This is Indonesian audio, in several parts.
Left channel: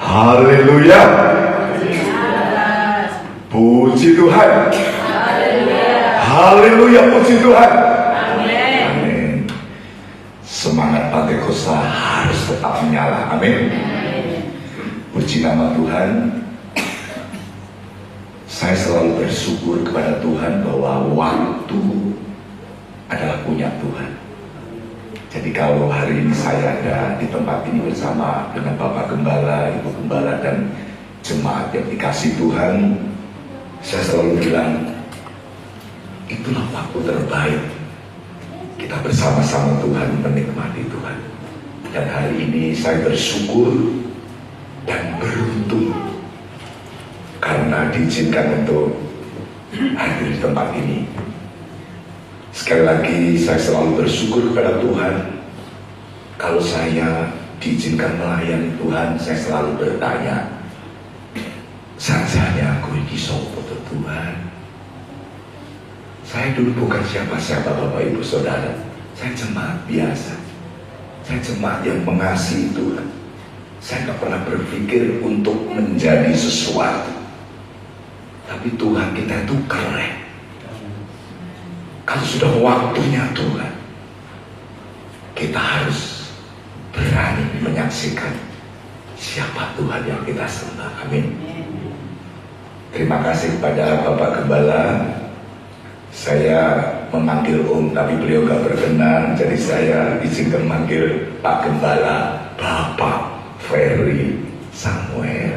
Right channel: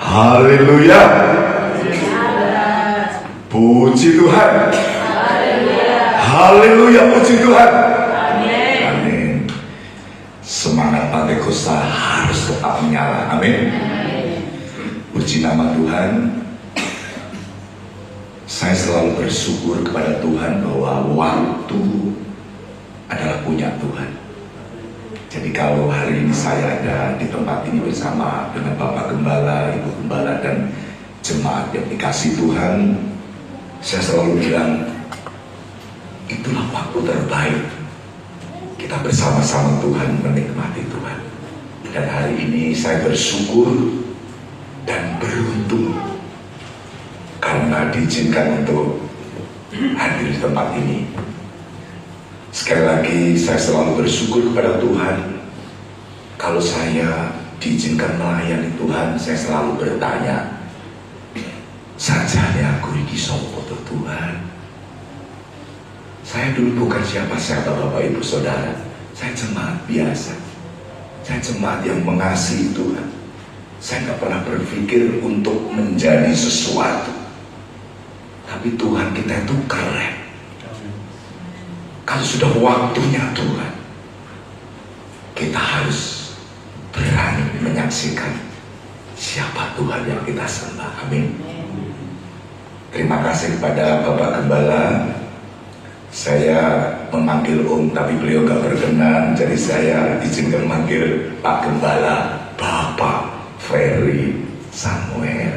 Haleluya. Puji Tuhan. Haleluya, puji Tuhan. Amin. Semangat Pentakosta harus tetap menyala. Amin. Puji nama Tuhan. Saya selalu bersyukur kepada Tuhan bahwa waktu adalah punya Tuhan. Jadi kalau hari ini saya ada di tempat ini bersama dengan Bapak Gembala, Ibu Gembala, dan jemaat yang dikasih Tuhan, saya selalu bilang, itulah waktu terbaik kita bersama-sama Tuhan, menikmati Tuhan. Dan hari ini saya bersyukur dan beruntung karena diizinkan untuk hadir di tempat ini. Sekali lagi saya selalu bersyukur kepada Tuhan. Kalau saya diizinkan melayani Tuhan, saya selalu bertanya, sajane aku iki sapa Tuhan? Saya dulu bukan siapa-siapa Bapak Ibu Saudara. Saya jemaat biasa. Saya jemaat yang mengasihi Tuhan. Saya tidak pernah berpikir untuk menjadi sesuatu. Tapi Tuhan kita itu keren. Kalau sudah waktunya Tuhan, kita harus berani menyaksikan siapa Tuhan yang kita sembah. Amin. Terima kasih kepada Bapak Gembala. Saya memanggil Om, tapi beliau gak berkenan, jadi saya izinkan memanggil Pak Gembala, Bapak Ferry Samuel,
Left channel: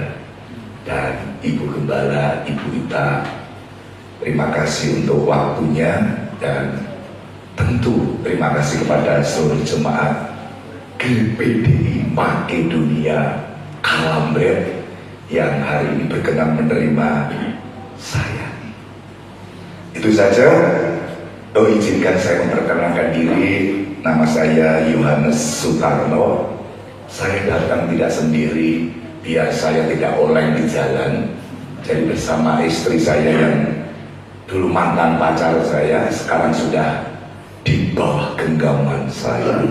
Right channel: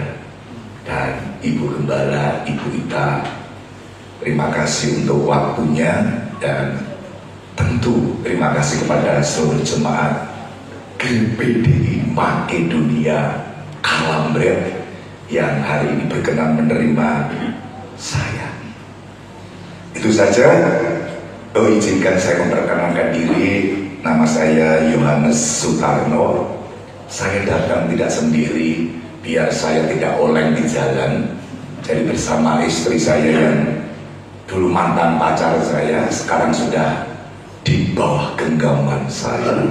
dan Ibu Gembala, Ibu Ita. Terima kasih untuk waktunya, dan tentu terima kasih kepada seluruh jemaat GPDI Makedonia Kalambret yang hari ini berkenan menerima saya. Itu saja. Izinkan saya memperkenalkan diri. Nama saya Yohanes Sutarno. Saya datang tidak sendiri, biar saya tidak oleng di jalan. Jadi bersama istri saya yang dulu mantan pacar saya, sekarang sudah di bawah genggaman saya,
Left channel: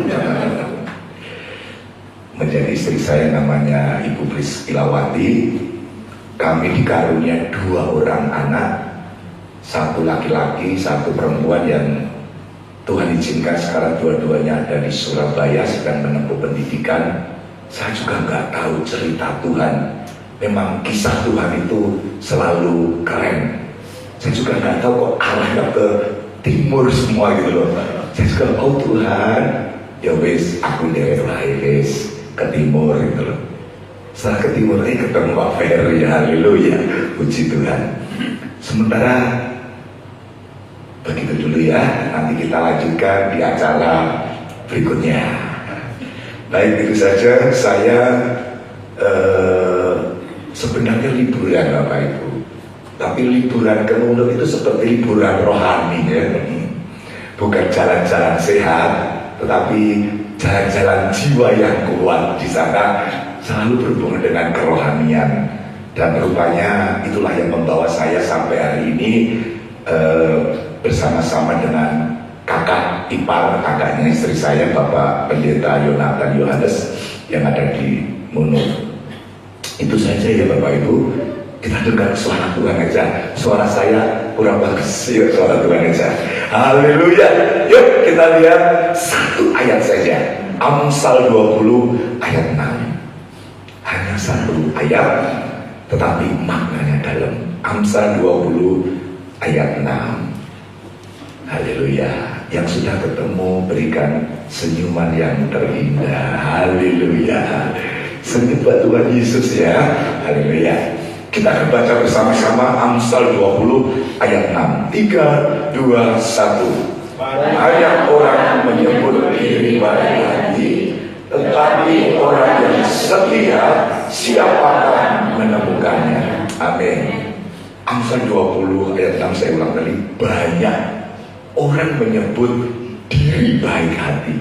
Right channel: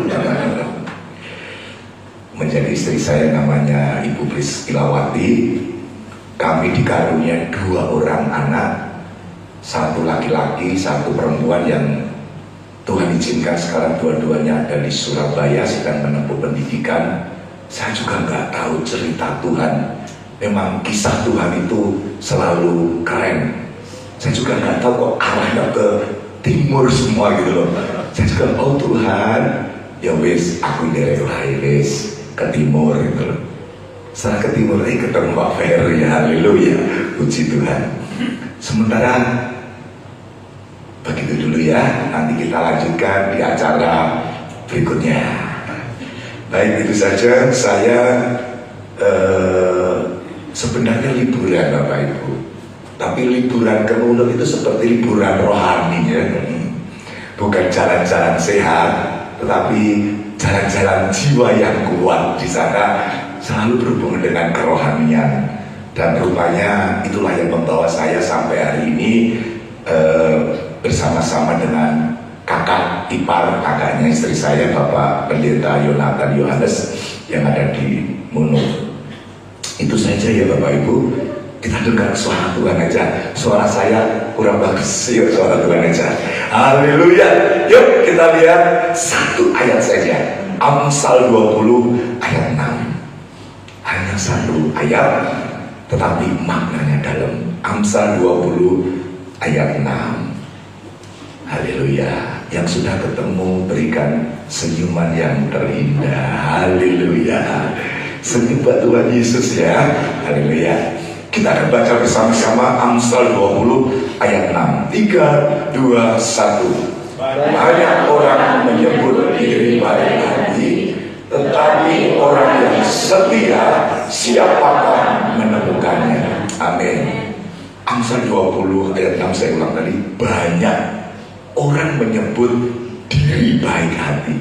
menjadi istri saya, namanya Ibu Priscilawati. Kami dikaruniai 2 orang anak, 1 laki-laki, 1 perempuan, yang Tuhan izinkan sekarang dua-duanya ada di Surabaya sedang menempuh pendidikan. Saya juga nggak tahu cerita Tuhan. Memang kisah Tuhan itu selalu keren. Saya juga nggak tahu kok arahnya ke timur semua gitu loh. Saya juga tahu Tuhan, ya wis aku derek wis ke timur gitu loh. Setelah ke timur lagi ketemu Pak Ferry, ya haleluya, puji Tuhan. Sementara begitu dulu ya, nanti kita lanjutkan di acara berikutnya. Baik, itu saja. Saya sebenarnya liburan Bapak Ibu, tapi liburan ke Ulur itu seperti liburan rohani ya. Bukan jalan-jalan sehat, tetapi jalan-jalan jiwa yang kuat. Di sana selalu berhubungan dengan kerohanian, dan rupanya itulah yang membawa saya sampai hari ini bersama-sama dengan kakak ipar, kakaknya istri saya, Bapak Pendeta Yonatan Yohanes yang ada di Munur. Itu saja ya Bapak Ibu. Kita dengar suara Tuhan aja. Suara saya kurang bagus, yuk suara Tuhan aja. Haleluya. Yuk kita lihat 1 ayat saja. Amsal 20 ayat 6. Hanya 1 ayat, tetapi maknanya dalam. Amsal 20 ayat 6. Haleluya. Yang sudah ketemu berikan senyuman yang terindah. Haleluya. Senyum buat Tuhan Yesus ya. Haleluya. Kita akan baca bersama-sama Amsal 20 ayat 6. 3, 2, 1. Banyak orang menyebut diri baik hati, tetapi orang yang setia siapakah menemukannya? Amin. Amsal 20 ayat 6 saya ulang tadi. Banyak orang menyebut diri baik hati,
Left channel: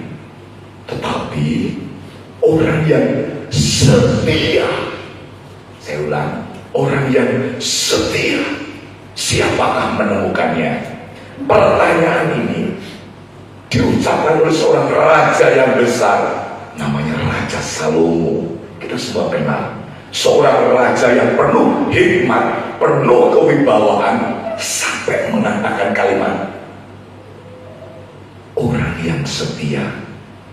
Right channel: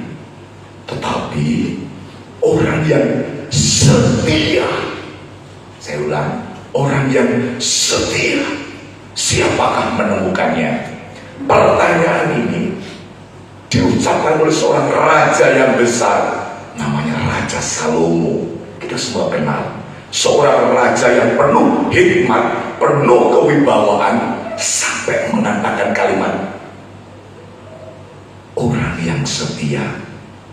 tetapi orang yang setia, saya ulang, orang yang setia siapakah menemukannya? Pertanyaan ini diucapkan oleh seorang raja yang besar, namanya Raja Salomo. Kita kita semua kenal seorang raja yang penuh hikmat, penuh kewibawaan, sampai mengatakan kalimat, orang yang setia,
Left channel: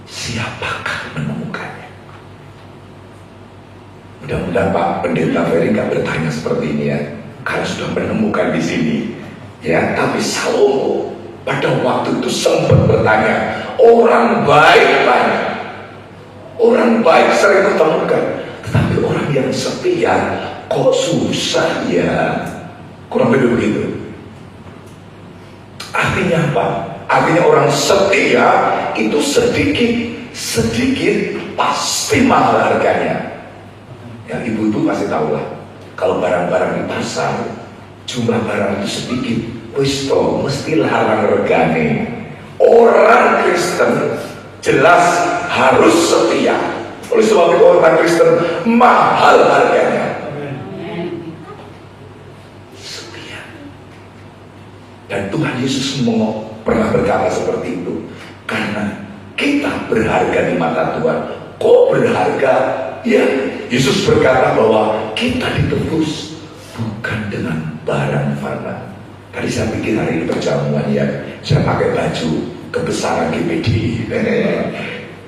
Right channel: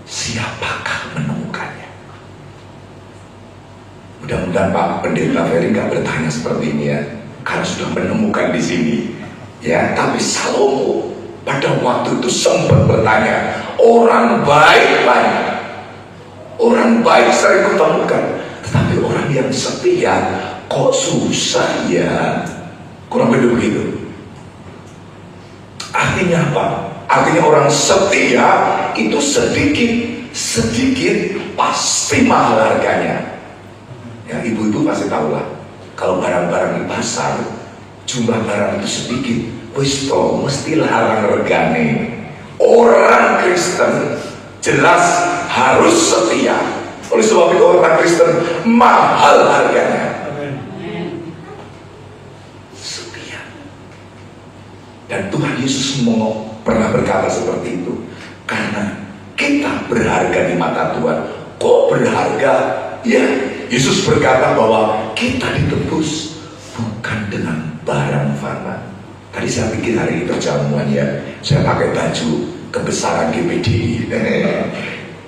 siapakah menemukannya? Mudah-mudahan Pak Pendeta Ferry nggak bertanya seperti ini ya, karena sudah menemukan di sini ya. Tapi Salomo pada waktu itu sempat bertanya, orang baik banyak, orang baik sering kutemukan, tetapi orang yang setia kok susah ya. Kurang lebih begitu. Artinya apa? Artinya orang setia itu sedikit pasti mahal harganya. Ya, ibu-ibu pasti tahu lah, kalau barang-barang di pasar jumlah barang itu sedikit, wis mesti larang regane. Orang Kristen jelas harus setia. Oleh sebab itu orang Kristen mahal harganya. Setia. Dan Tuhan Yesus pernah berkata seperti itu, karena kita berharga di mata Tuhan. Kok berharga? Ya, Yesus berkata bahwa kita ditebus bukan dengan barang fana. Tadi saya pikir hari ini perjamuan ya, saya pakai baju kebesaran GPD.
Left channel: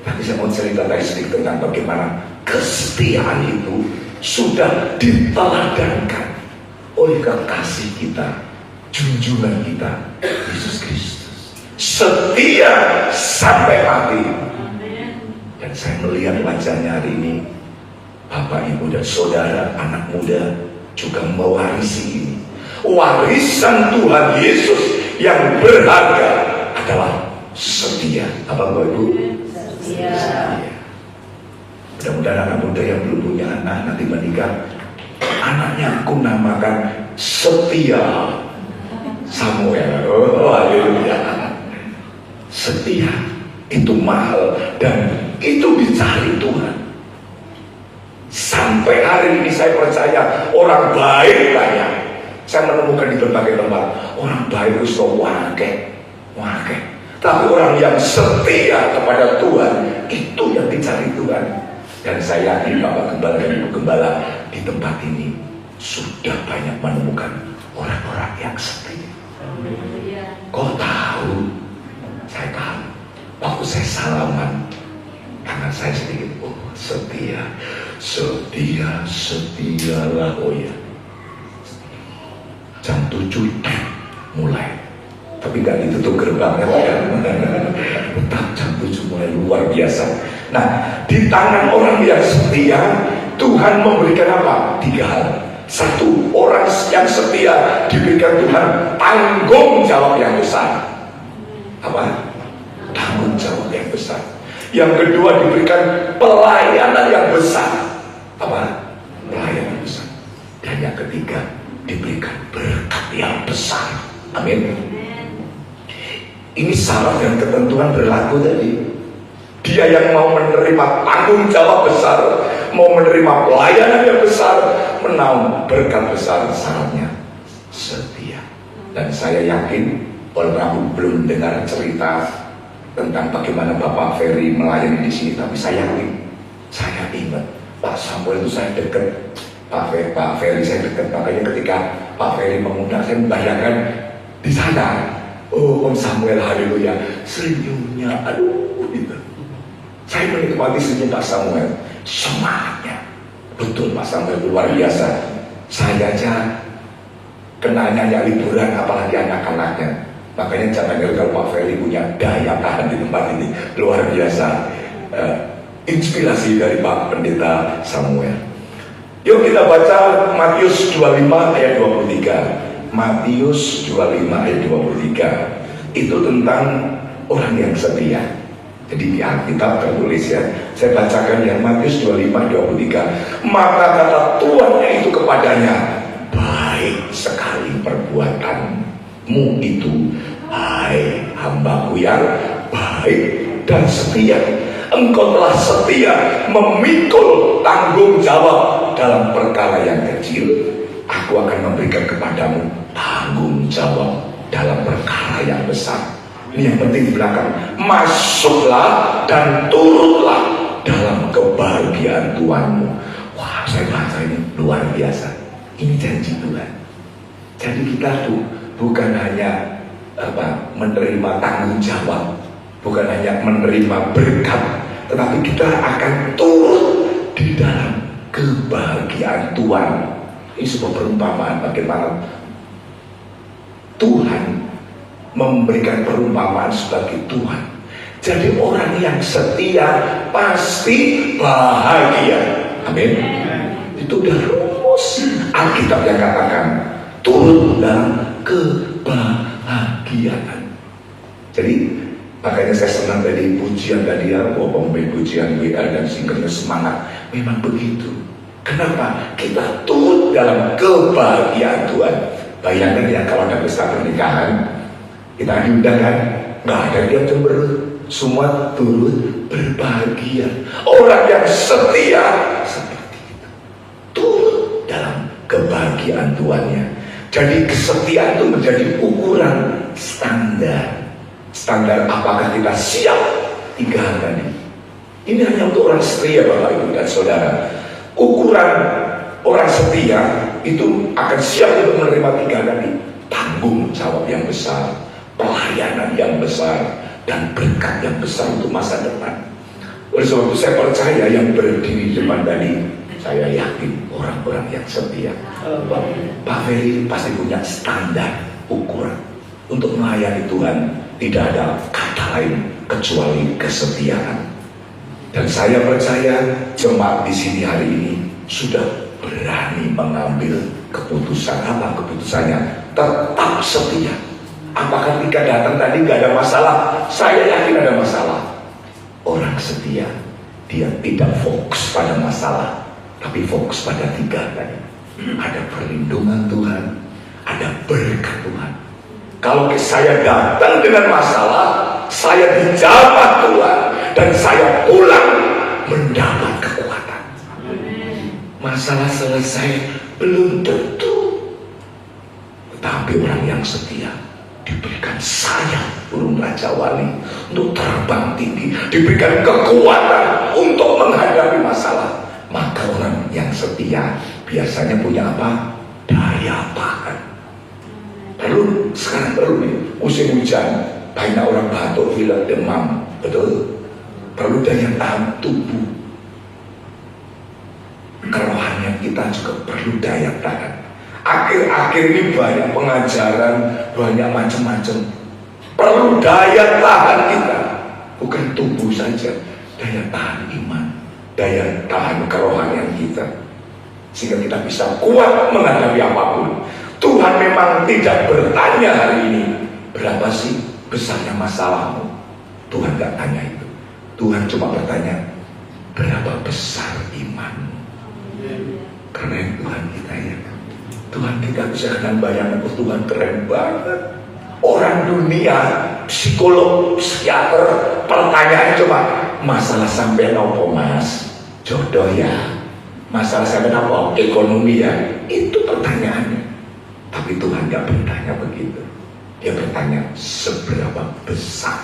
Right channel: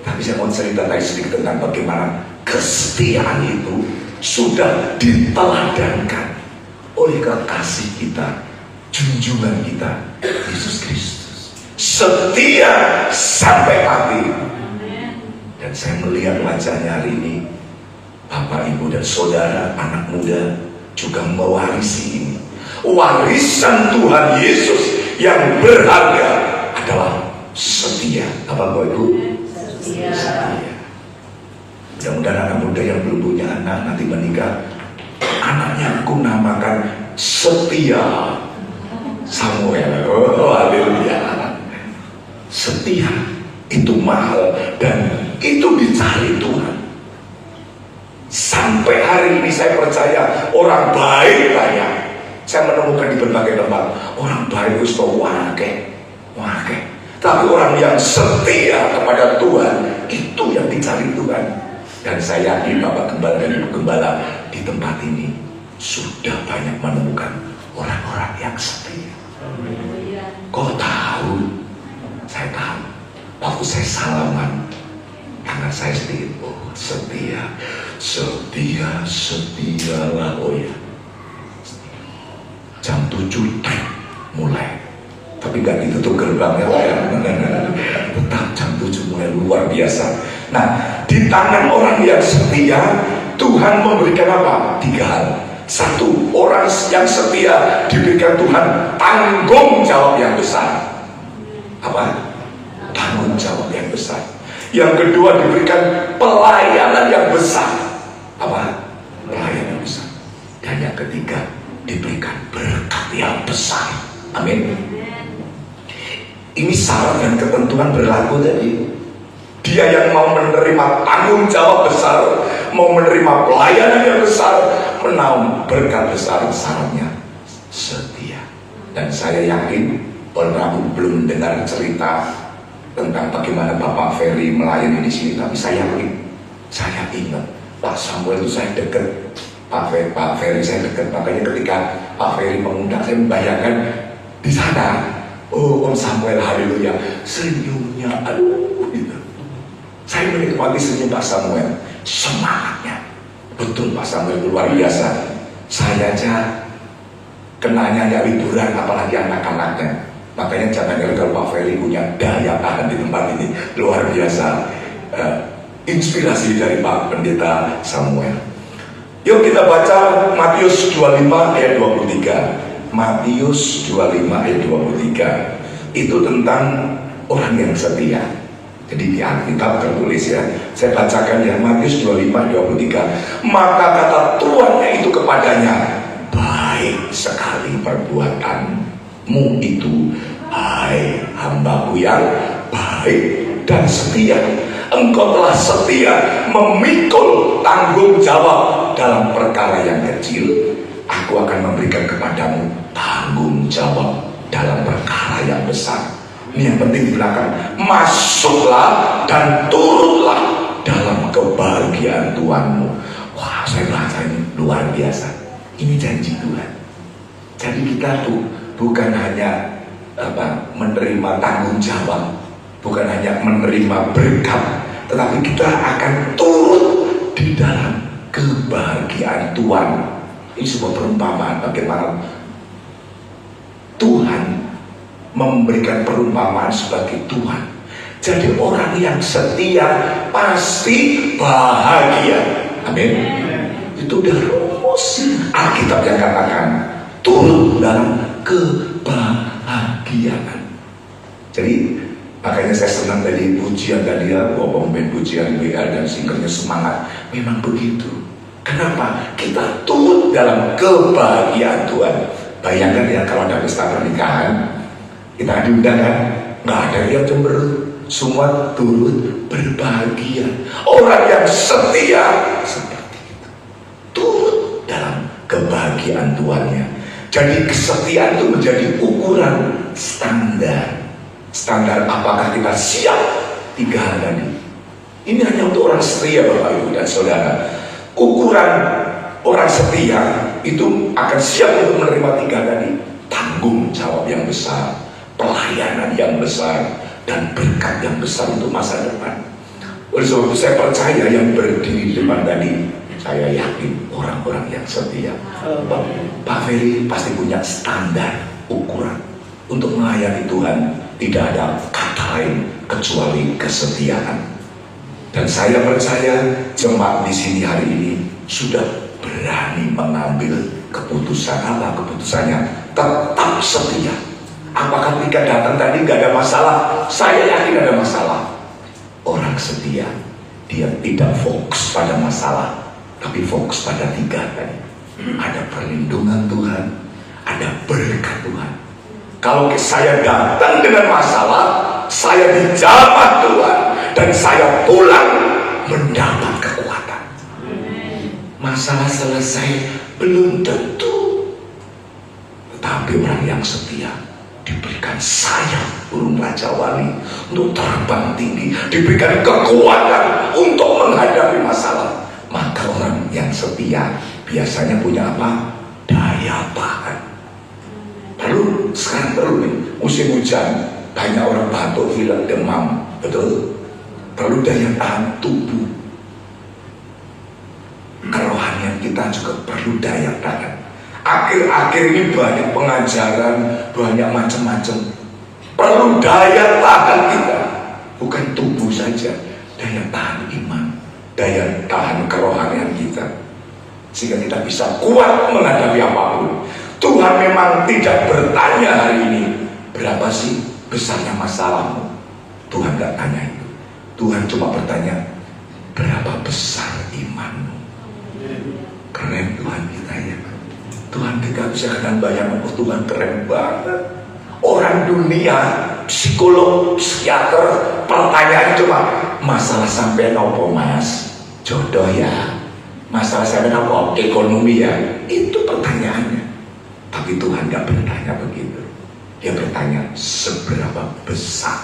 Tapi saya mau cerita tadi sedikit tentang bagaimana kesetiaan itu sudah diteladankan oleh kekasih kita, junjungan kita, Yesus Kristus. Setia sampai mati. Dan saya melihat wajahnya hari ini, Bapak, Ibu, dan Saudara, anak muda juga mewarisi ini. Warisan Tuhan Yesus yang berharga adalah setia. Apa Bapak Ibu? Setia. Mudah-mudahan anak muda yang belum punya anak nanti menikah, anaknya aku namakan Setia Samuel. Oh, haleluya. Setia itu mahal dan itu dicari Tuhan. Sampai hari ini saya percaya orang baik banyak. Saya menemukan di berbagai tempat orang baik itu wakeh. Tapi orang yang setia kepada Tuhan, itu yang dicari Tuhan. Dan saya yakin Bapak Gembala dan Ibu Gembala di tempat ini sudah banyak menemukan orang-orang yang setia. Kok tahu? Saya tahu. Waktu saya salaman, tangan saya sedikit, oh setia, setialah, oh ya. Jam 7 mulai, tapi nggak ditutup gerbangnya, tetap jam 7 mulai, luar biasa. Nah, di tangan orang yang setia, Tuhan memberikan apa? 3 hal. 1, orang yang setia diberikan Tuhan tanggung jawab yang besar. Apa? Tanggung jawab yang besar. Yang kedua diberikan pelayanan yang besar. Apa? Pelayanan yang besar. Dan yang ketiga diberikan berkat yang besar. Amin. Ini syarat dan ketentuan berlaku tadi. Dia yang mau menerima tanggung jawab besar, mau menerima pelayanan yang besar, menaungi berkat besar, syaratnya setia. Dan saya yakin walaupun aku belum dengar cerita tentang bagaimana Bapak Ferry melayani di sini, tapi saya ingat Pak Samuel itu saya dekat, Pak Ferry saya dekat. Makanya ketika Pak Ferry mengundang, saya membayangkan di sana, oh Om Samuel, haleluya, senyumnya, aduh gitu. Saya menikmati senyum Pak Samuel, semangatnya. Betul, Pak Samuel luar biasa. Saya aja kenanya liburan, apalagi anak-anaknya. Makanya jangan kalau Pak Ferry punya daya tahan di tempat ini luar biasa. Inspirasi dari Pak Pendeta Samuel. Yuk kita baca Matius 25 ayat 23. Matius 25 ayat 23. Itu tentang orang yang setia. Jadi di Alkitab tertulis ya. Saya bacakan ya, Matius 25 23. Maka kata tuannya itu kepadanya, baik sekali perbuatanmu itu, hai hambaku yang baik dan setia. Engkau telah setia memikul tanggung jawab dalam perkara yang kecil, aku akan memberikan kepadamu tanggung jawab dalam perkara yang besar. Ini yang penting di belakang. Masuklah dan turutlah dalam kebahagiaan Tuhanmu. Wah, saya baca ini luar biasa. Ini janji Tuhan. Jadi kita tuh bukan hanya menerima tanggung jawab, bukan hanya menerima berkat, tetapi kita akan turut di dalam kebahagiaan Tuhan. Ini sebuah perumpamaan bagaimana Tuhan memberikan perumpamaan sebagai Tuhan. Jadi orang yang setia pasti bahagia. Amin. Itu udah rumus Alkitab yang katakan turut dalam kebahagiaan. Jadi makanya saya senang tadi pujian tadi ya, ngomongin pujian WR dan singernya semangat. Memang begitu. Kenapa? Kita turut dalam kebahagiaan Tuhan. Bayangkan ya kalau ada pesta pernikahan, kita diundang kan, nggak ada yang cemberut, semua turut berbahagia. Orang yang setia seperti itu, turut dalam kebahagiaan Tuhannya. Jadi kesetiaan itu menjadi ukuran standar apakah kita siap 3 hal tadi. Ini hanya untuk orang setia, Bapak Ibu dan Saudara. Ukuran orang setia itu akan siap untuk menerima 3 tadi. Tanggung jawab yang besar, pelayanan yang besar, dan berkat yang besar untuk masa depan. Oleh sebab itu saya percaya yang berdiri di depan tadi, saya yakin orang-orang yang setia. Pak Ferry pasti punya standar ukuran untuk melayani Tuhan. Tidak ada kata lain kecuali kesetiaan. Dan saya percaya jemaat di sini hari ini sudah berani mengambil keputusan. Apa keputusannya? Tetap setia. Apakah ketika datang tadi nggak ada masalah? Saya yakin ada masalah. Orang setia, dia tidak fokus pada masalah, tapi fokus pada 3 tadi. Ada perlindungan Tuhan, ada berkat Tuhan. Kalau saya datang dengan masalah, saya dijamah Tuhan, dan saya pulang mendapat kekuatan. Masalah selesai belum tentu, tetapi orang yang setia diberikan sayap burung raja wali untuk terbang tinggi, diberikan kekuatan untuk menghadapi masalah. Maka orang yang setia biasanya punya apa? Daya tahan. Lalu sekarang baru nih musim hujan, banyak orang batuk, pilek, demam, betul? Perlu daya tahan tubuh. Kerohanian kita juga perlu daya tahan. Akhir-akhir ini banyak pengajaran, banyak macam-macam. Perlu daya tahan kita, bukan tubuh saja, daya tahan iman, daya tahan kerohanian kita, sehingga kita bisa kuat menghadapi apapun. Tuhan memang tidak bertanya hari ini, berapa sih besarnya masalahmu? Tuhan gak tanya itu. Tuhan cuma bertanya, berapa besar imanmu? Keren Tuhan kita ya. Tuhan kita bisa dengan bayangan, Tuhan keren banget. Orang dunia, psikolog, psikiater, pertanyaan cuma, masalah sampai apa mas? Jodoh ya? Masalah sampai apa? Ekonomi ya? Itu pertanyaannya. Tapi Tuhan gak bertanya begitu. Dia bertanya, seberapa besar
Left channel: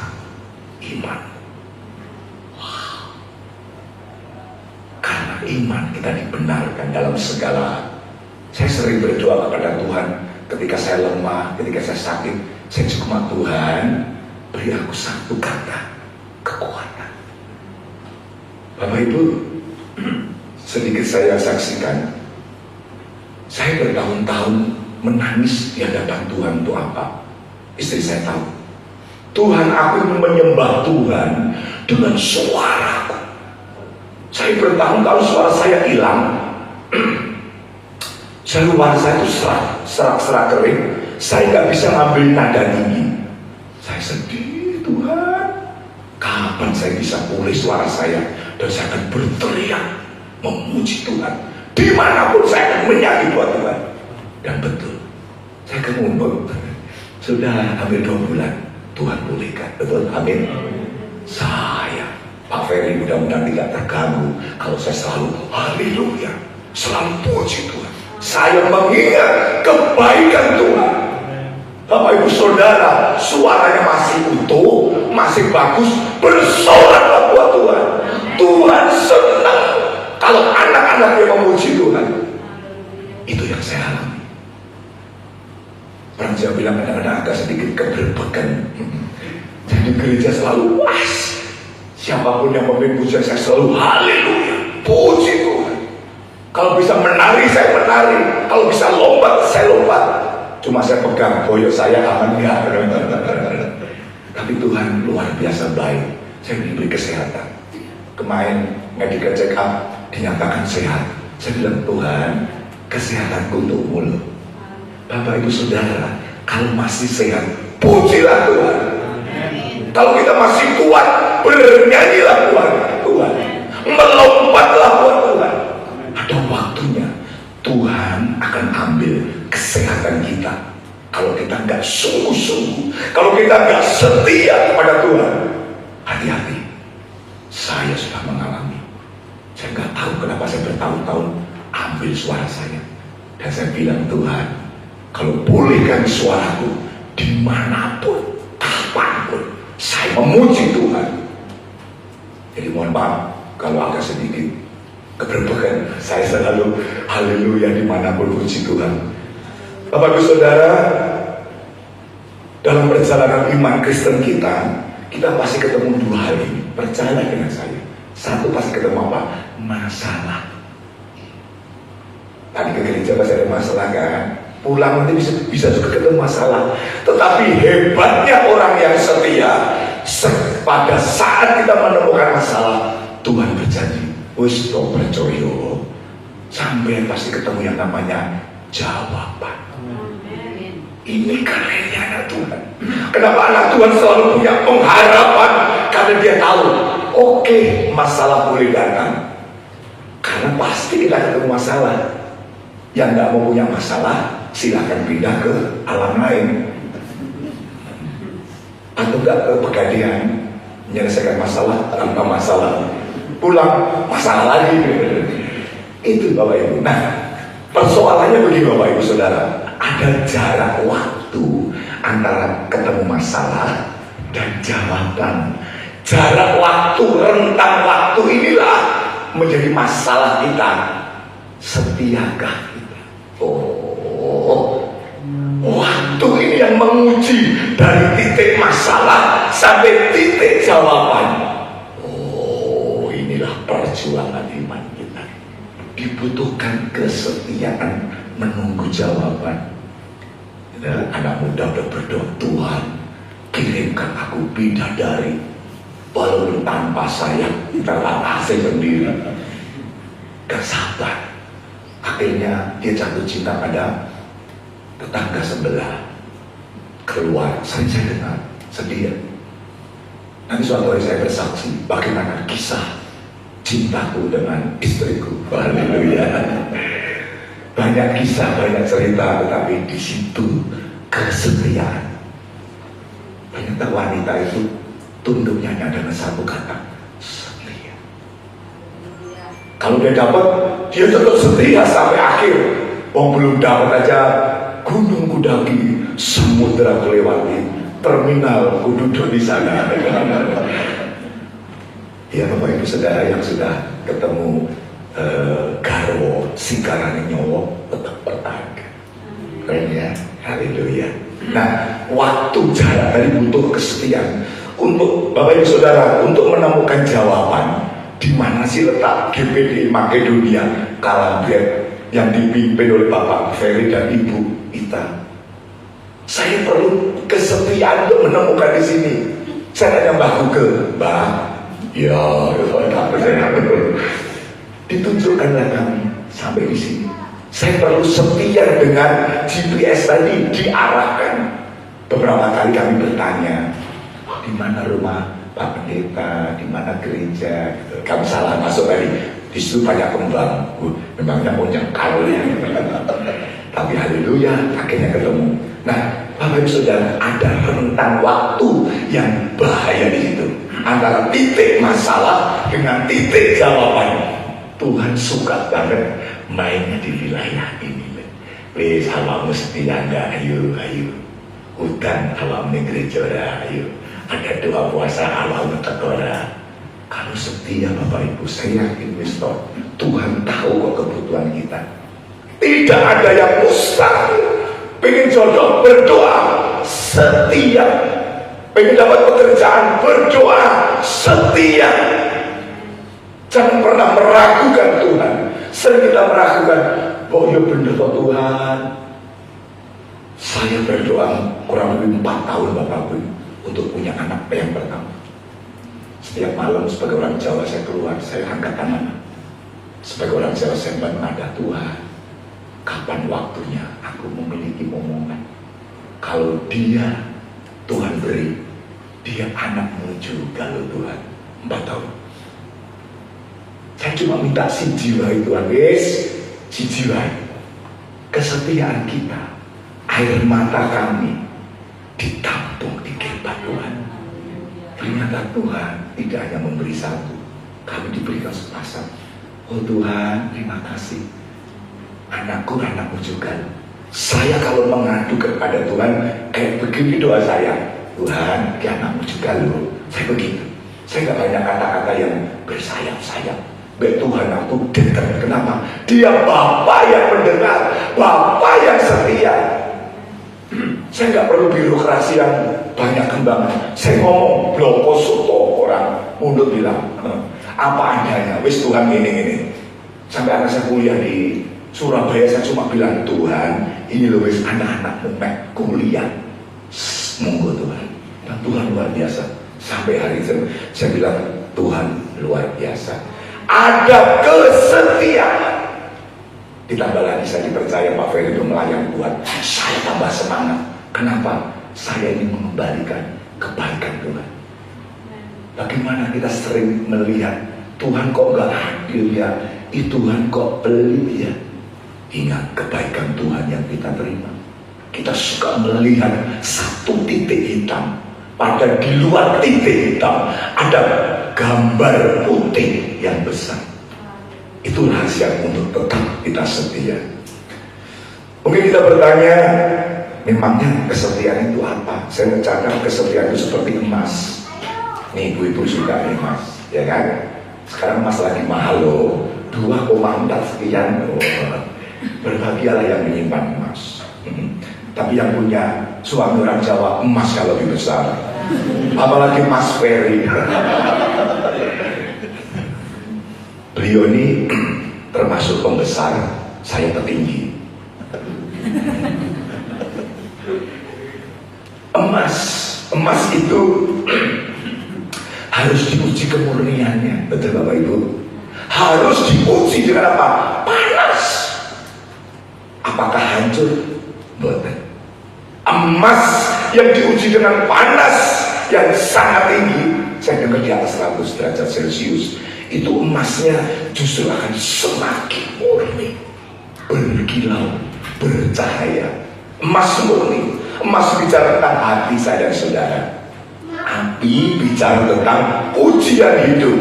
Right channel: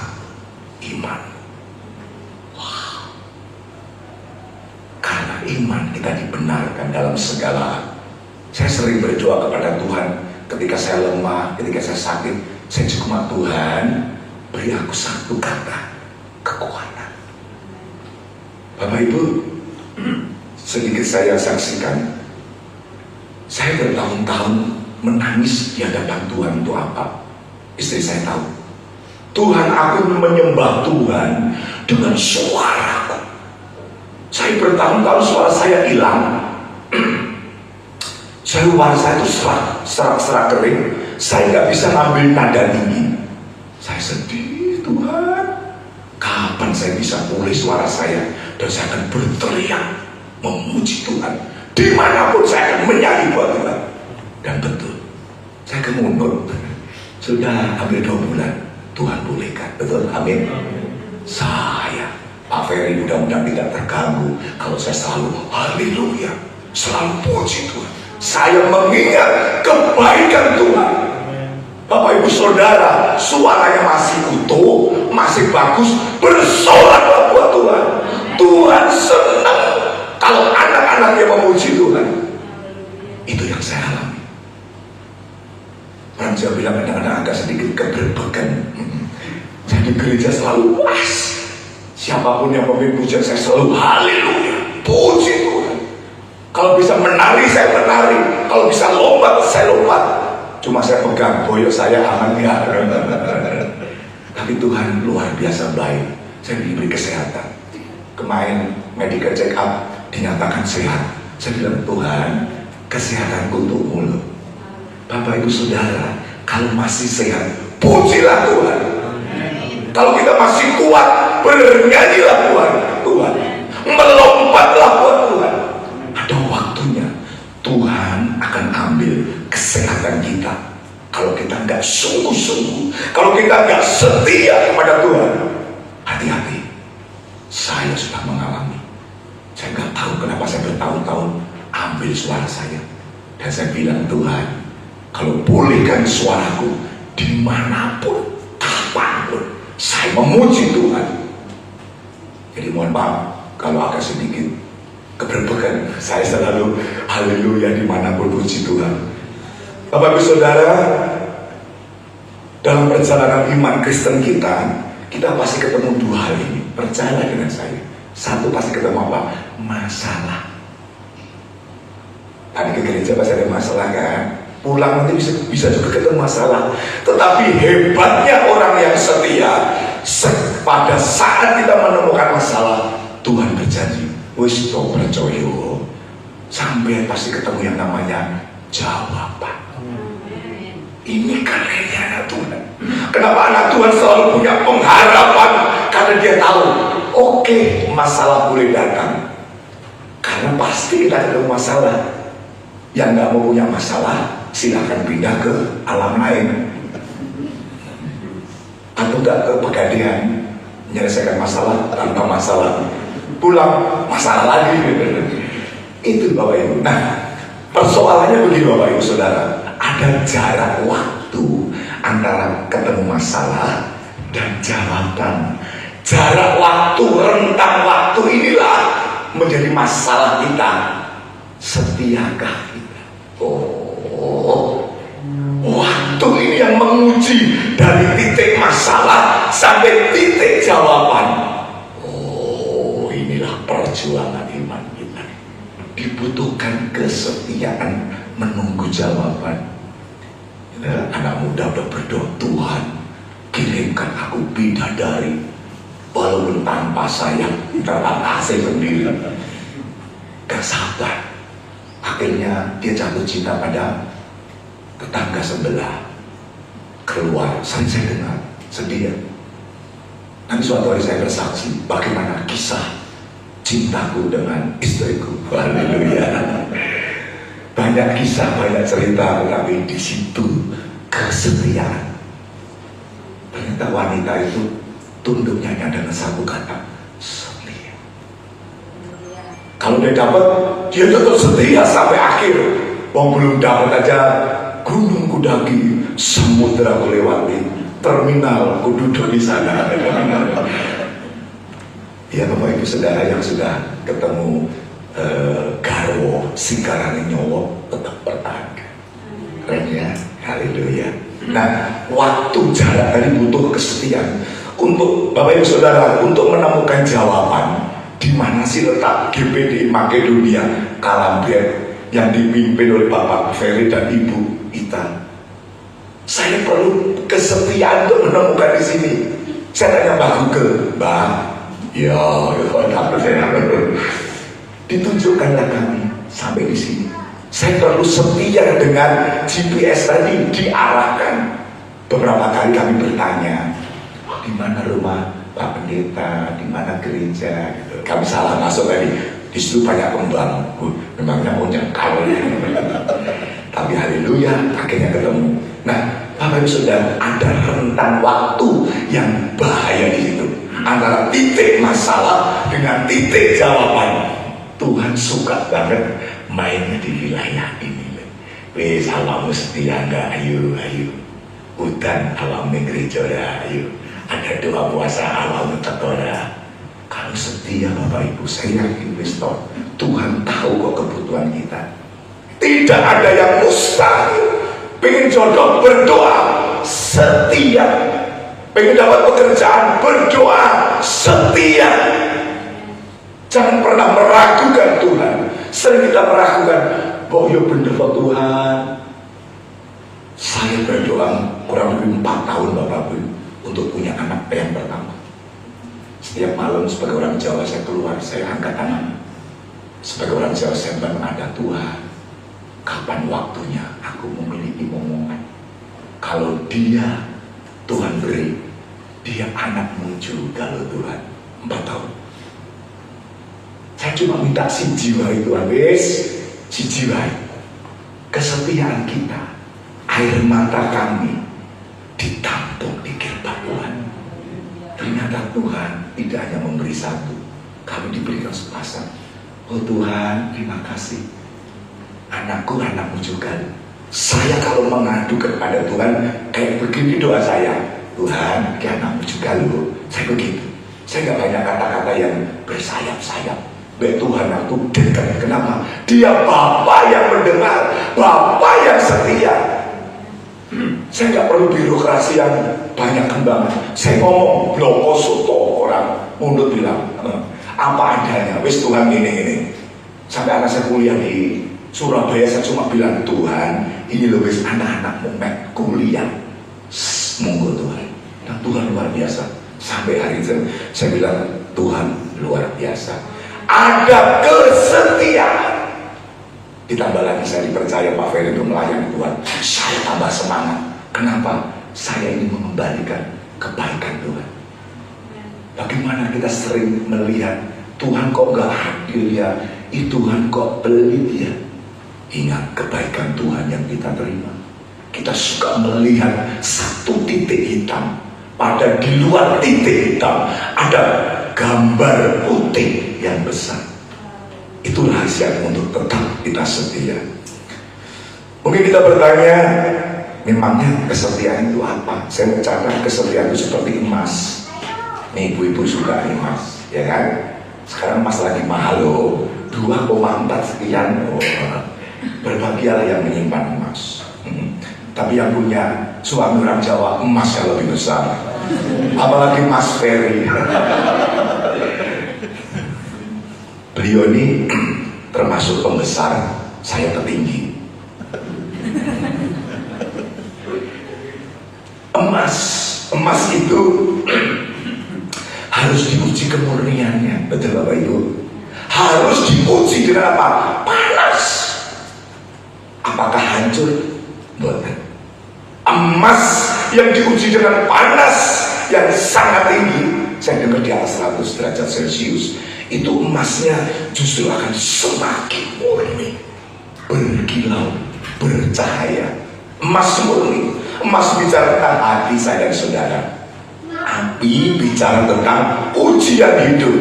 iman? Wow. Karena iman kita dibenarkan dalam segala hal. Saya sering berdoa kepada Tuhan ketika saya lemah, ketika saya sakit. Saya cuma, Tuhan, beri aku satu kata, kekuatan. Bapak Ibu, sedikit saya saksikan. Saya bertahun-tahun menangis di hadapan Tuhan untuk apa? Istri saya tahu. Tuhan, aku menyembah Tuhan dengan suaraku. Saya bertahun-tahun suara saya hilang. Suara saya itu serak kering. Saya nggak bisa ngambil nada tinggi. Saya sedih, Tuhan. Kapan saya bisa pulih suara saya dan saya akan berteriak memuji Tuhan dimanapun saya akan menyanyi buat Tuhan. Dan betul, saya akan mundur. Sudah hampir 2 bulan Tuhan pulihkan, betul, amin. Saya Pak Ferry mudah-mudahan tidak terganggu kalau saya selalu haleluya, selalu puji Tuhan. Saya mengingat kebaikan Tuhan. Bapak Ibu Saudara, suaranya masih utuh, masih bagus, bersorak buat Tuhan. Tuhan Siapapun yang memimpin pujian saya selalu haleluya, puji Tuhan. Kalau bisa menari saya menari, kalau bisa lompat saya lompat. Cuma saya pegang boyok saya aman ya. Tapi Tuhan luar biasa baik. Saya diberi kesehatan. Kemarin medical check up dinyatakan sehat. Saya bilang, Tuhan, kesehatanku untukmu loh. Bapak Ibu Saudara, kalau masih sehat, pujilah Tuhan. Kalau kita masih kuat, bernyanyilah Tuhan. Tuhan, melompatlah buat Tuhan. Ada waktunya Tuhan akan ambil kesehatan kita. Kalau kita nggak sungguh-sungguh, kalau kita nggak setia kepada Tuhan, hati-hati. Saya sudah mengalami. Saya nggak tahu kenapa saya bertahun-tahun ambil suara saya. Dan saya bilang, Tuhan, kalau bolehkan suaraku dimanapun, kapanpun, saya memuji Tuhan. Jadi mohon maaf kalau agak sedikit keberbekan. Saya selalu haleluya dimanapun, puji Tuhan. Bapak Ibu Saudara, dalam perjalanan iman Kristen kita pasti ketemu dua hal ini. Percaya dengan saya. Satu, pasti ketemu apa? Masalah. Tadi ke gereja pasti ada masalah kan? Pulang nanti bisa juga ketemu masalah. Tetapi hebatnya orang yang setia, pada saat kita menemukan masalah, Tuhan berjanji, wis percaya, sampai pasti ketemu yang namanya jawaban. Ini karenanya anak Tuhan. Kenapa anak Tuhan selalu punya pengharapan? Karena dia tahu, oke, masalah boleh datang, karena pasti kita ketemu masalah. Yang nggak mau punya masalah, silahkan pindah ke alam lain, atau nggak ke Pegadaian, menyelesaikan masalah tanpa masalah, pulang masalah lagi. Itu Bapak Ibu. Nah, persoalannya begini Bapak Ibu Saudara, ada jarak waktu antara ketemu masalah dan jawaban. Jarak waktu, rentang waktu inilah menjadi masalah kita. Setiakah kita? Oh, waktu ini yang menguji dari titik masalah sampai titik jawaban. Oh, inilah perjuangan iman kita. Dibutuhkan kesetiaan menunggu jawaban. Anak muda udah berdoa, Tuhan, kirimkan aku bidadari, walaupun tanpa saya, tanpa AC sendiri. Gak sabar. Akhirnya dia jatuh cinta pada tetangga sebelah. Keluar, sering saya dengar, sedih ya. Nanti suatu hari saya bersaksi bagaimana kisah cintaku dengan istriku. Haleluya. Banyak kisah, banyak cerita, tetapi di situ kesetiaan. Ternyata wanita itu tunduknya adalah satu kata, setia. Kalau dia dapat, dia tetap setia sampai akhir. Wong belum dapat aja, gunung ku daki, samudra ku lewati, terminal ku duduk di sana. Ya Bapak Ibu Saudara yang sudah ketemu garwo singkarane nyowo tetap bertahan. Keren ya, haleluya. Nah, waktu jarak tadi butuh kesetiaan untuk Bapak Ibu Saudara untuk menemukan jawaban di mana sih letak GPD Makedonia Kalambret yang dipimpin oleh Bapak Ferry dan Ibu Ita. Saya perlu kesetiaan untuk menemukan di sini. Saya tanya Mbak Google, Mbak, ya, dapat saya. Ditunjukkanlah kami sampai di sini. Saya perlu setia dengan GPS tadi, diarahkan. Beberapa kali kami bertanya, di mana rumah Pak Pendeta, di mana gereja, gitu. Kami salah masuk tadi. Di situ banyak pembangun, memangnya punya kali. Tapi haleluya, akhirnya ketemu. Nah, Bapak Ibu Saudara, ada rentang waktu yang bahaya di situ antara titik masalah dengan titik jawaban. Tuhan suka banget mainnya di wilayah ini. Wis awakmu setia enggak? Ayo. Hutan awakmu gereja ora? Ayo. Ada doa puasa awakmu teko ora? Kalau setia Bapak Ibu, saya yakin wis Tuhan tahu kok kebutuhan kita. Tidak ada yang mustahil. Pengen jodoh, berdoa, setia. Pengen dapat pekerjaan, berdoa, setia. Jangan pernah meragukan Tuhan. Sering kita meragukan, oh ya bener kok Tuhan. Saya berdoa kurang lebih 4 tahun Bapak Ibu untuk punya anak yang pertama. Setiap malam sebagai orang Jawa saya keluar, saya angkat tangan. Sebagai orang Jawa saya bilang, ada Tuhan, kapan waktunya aku memiliki momongan? Kalau dia Tuhan beri, dia anakmu juga loh Tuhan. 4 tahun. Saya cuma minta si jiwa itu habis, si jiwa kesetiaan kita, air mata kami ditampung di gerbang Tuhan. Ternyata Tuhan tidak hanya memberi satu, kami diberikan sepasang. Oh Tuhan, terima kasih. Anakku, anakmu juga. Saya kalau mengadu kepada Tuhan kayak begini doa saya, Tuhan, dia anakmu juga loh. Saya begitu. Saya nggak banyak kata-kata yang bersayap-sayap. Tuhan aku dekat. Kenapa? Dia Bapa yang mendengar, Bapa yang setia. Saya nggak perlu birokrasi yang banyak kembangan. Saya ngomong bloko soto, orang mundur bilang apa adanya. Wis Tuhan ini. Sampai anak saya kuliah di Surabaya, saya cuma bilang, Tuhan, ini loh wis anak-anakmu kuliah. Monggo Tuhan. Dan Tuhan luar biasa. Sampai hari itu saya bilang, Tuhan luar biasa. Ada kesetiaan. Ditambah lagi saya dipercaya Pak Ferry itu melayani Tuhan. Saya tambah semangat. Kenapa? Saya ingin mengembalikan kebaikan Tuhan. Bagaimana kita sering melihat Tuhan kok gak adil ya, Tuhan kok pelit ya. Ingat kebaikan Tuhan yang kita terima. Kita suka melihat satu titik hitam, pada di luar titik hitam ada gambar putih yang besar. Itu rahasia untuk tetap kita setia. Mungkin kita bertanya, memangnya kesetiaan itu apa? Saya mencatat kesetiaan itu seperti emas. Nih ibu-ibu suka emas, ya kan? Sekarang emas lagi mahal loh, 2,4 sekian. Oh, berbahagialah yang menyimpan emas. Tapi yang punya suami orang Jawa, emas yang lebih besar. Apalagi Mas Ferry. Beliau ini termasuk pembesar, saya tertinggi. Emas itu harus diuji kemurniannya, betul Bapak Ibu? Harus diuji dengan apa? Panas. Apakah hancur? Bukan. Emas yang diuji dengan panas yang sangat tinggi, saya dengar di atas 100 derajat Celcius, itu emasnya justru akan semakin murni, berkilau, bercahaya. Emas murni. Emas bicara tentang hati saya dan saudara. Api bicara tentang ujian hidup.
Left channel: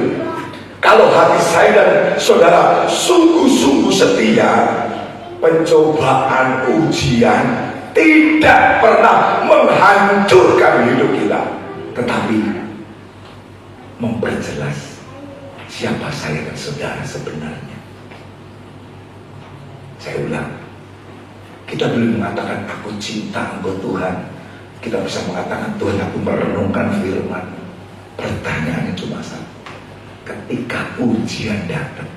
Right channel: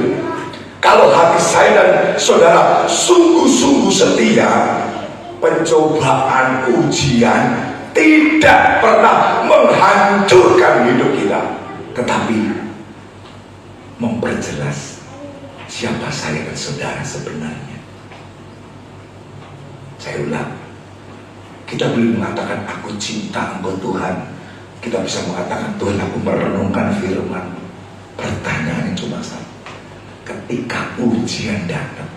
Kalau hati saya dan saudara sungguh-sungguh setia, pencobaan, ujian tidak pernah menghancurkan hidup kita, tetapi memperjelas siapa saya dan saudara sebenarnya. Saya ulang, kita boleh mengatakan aku cinta engkau Tuhan. Kita bisa mengatakan Tuhan aku merenungkan firman. Pertanyaannya cuma satu, ketika ujian datang,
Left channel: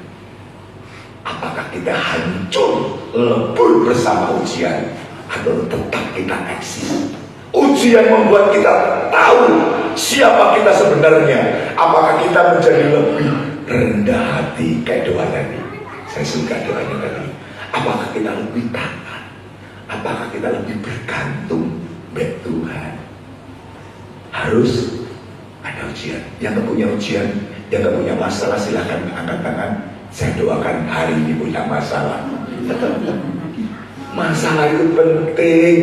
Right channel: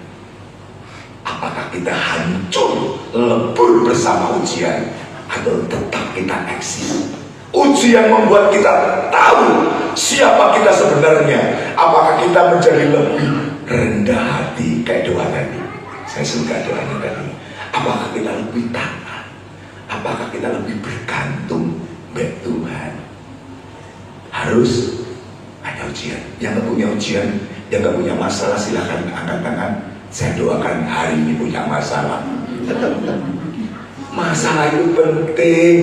apakah kita hancur lebur bersama ujian, atau tetap kita eksis? Ujian membuat kita tahu siapa kita sebenarnya. Apakah kita menjadi lebih rendah hati kayak doa tadi? Saya suka doanya tadi. Apakah kita lebih taat? Apakah kita lebih bergantung kepada Tuhan? Harus ada ujian. Yang gak punya ujian, yang gak punya masalah, silahkan angkat tangan. Saya doakan hari ini punya masalah. Masalah itu penting.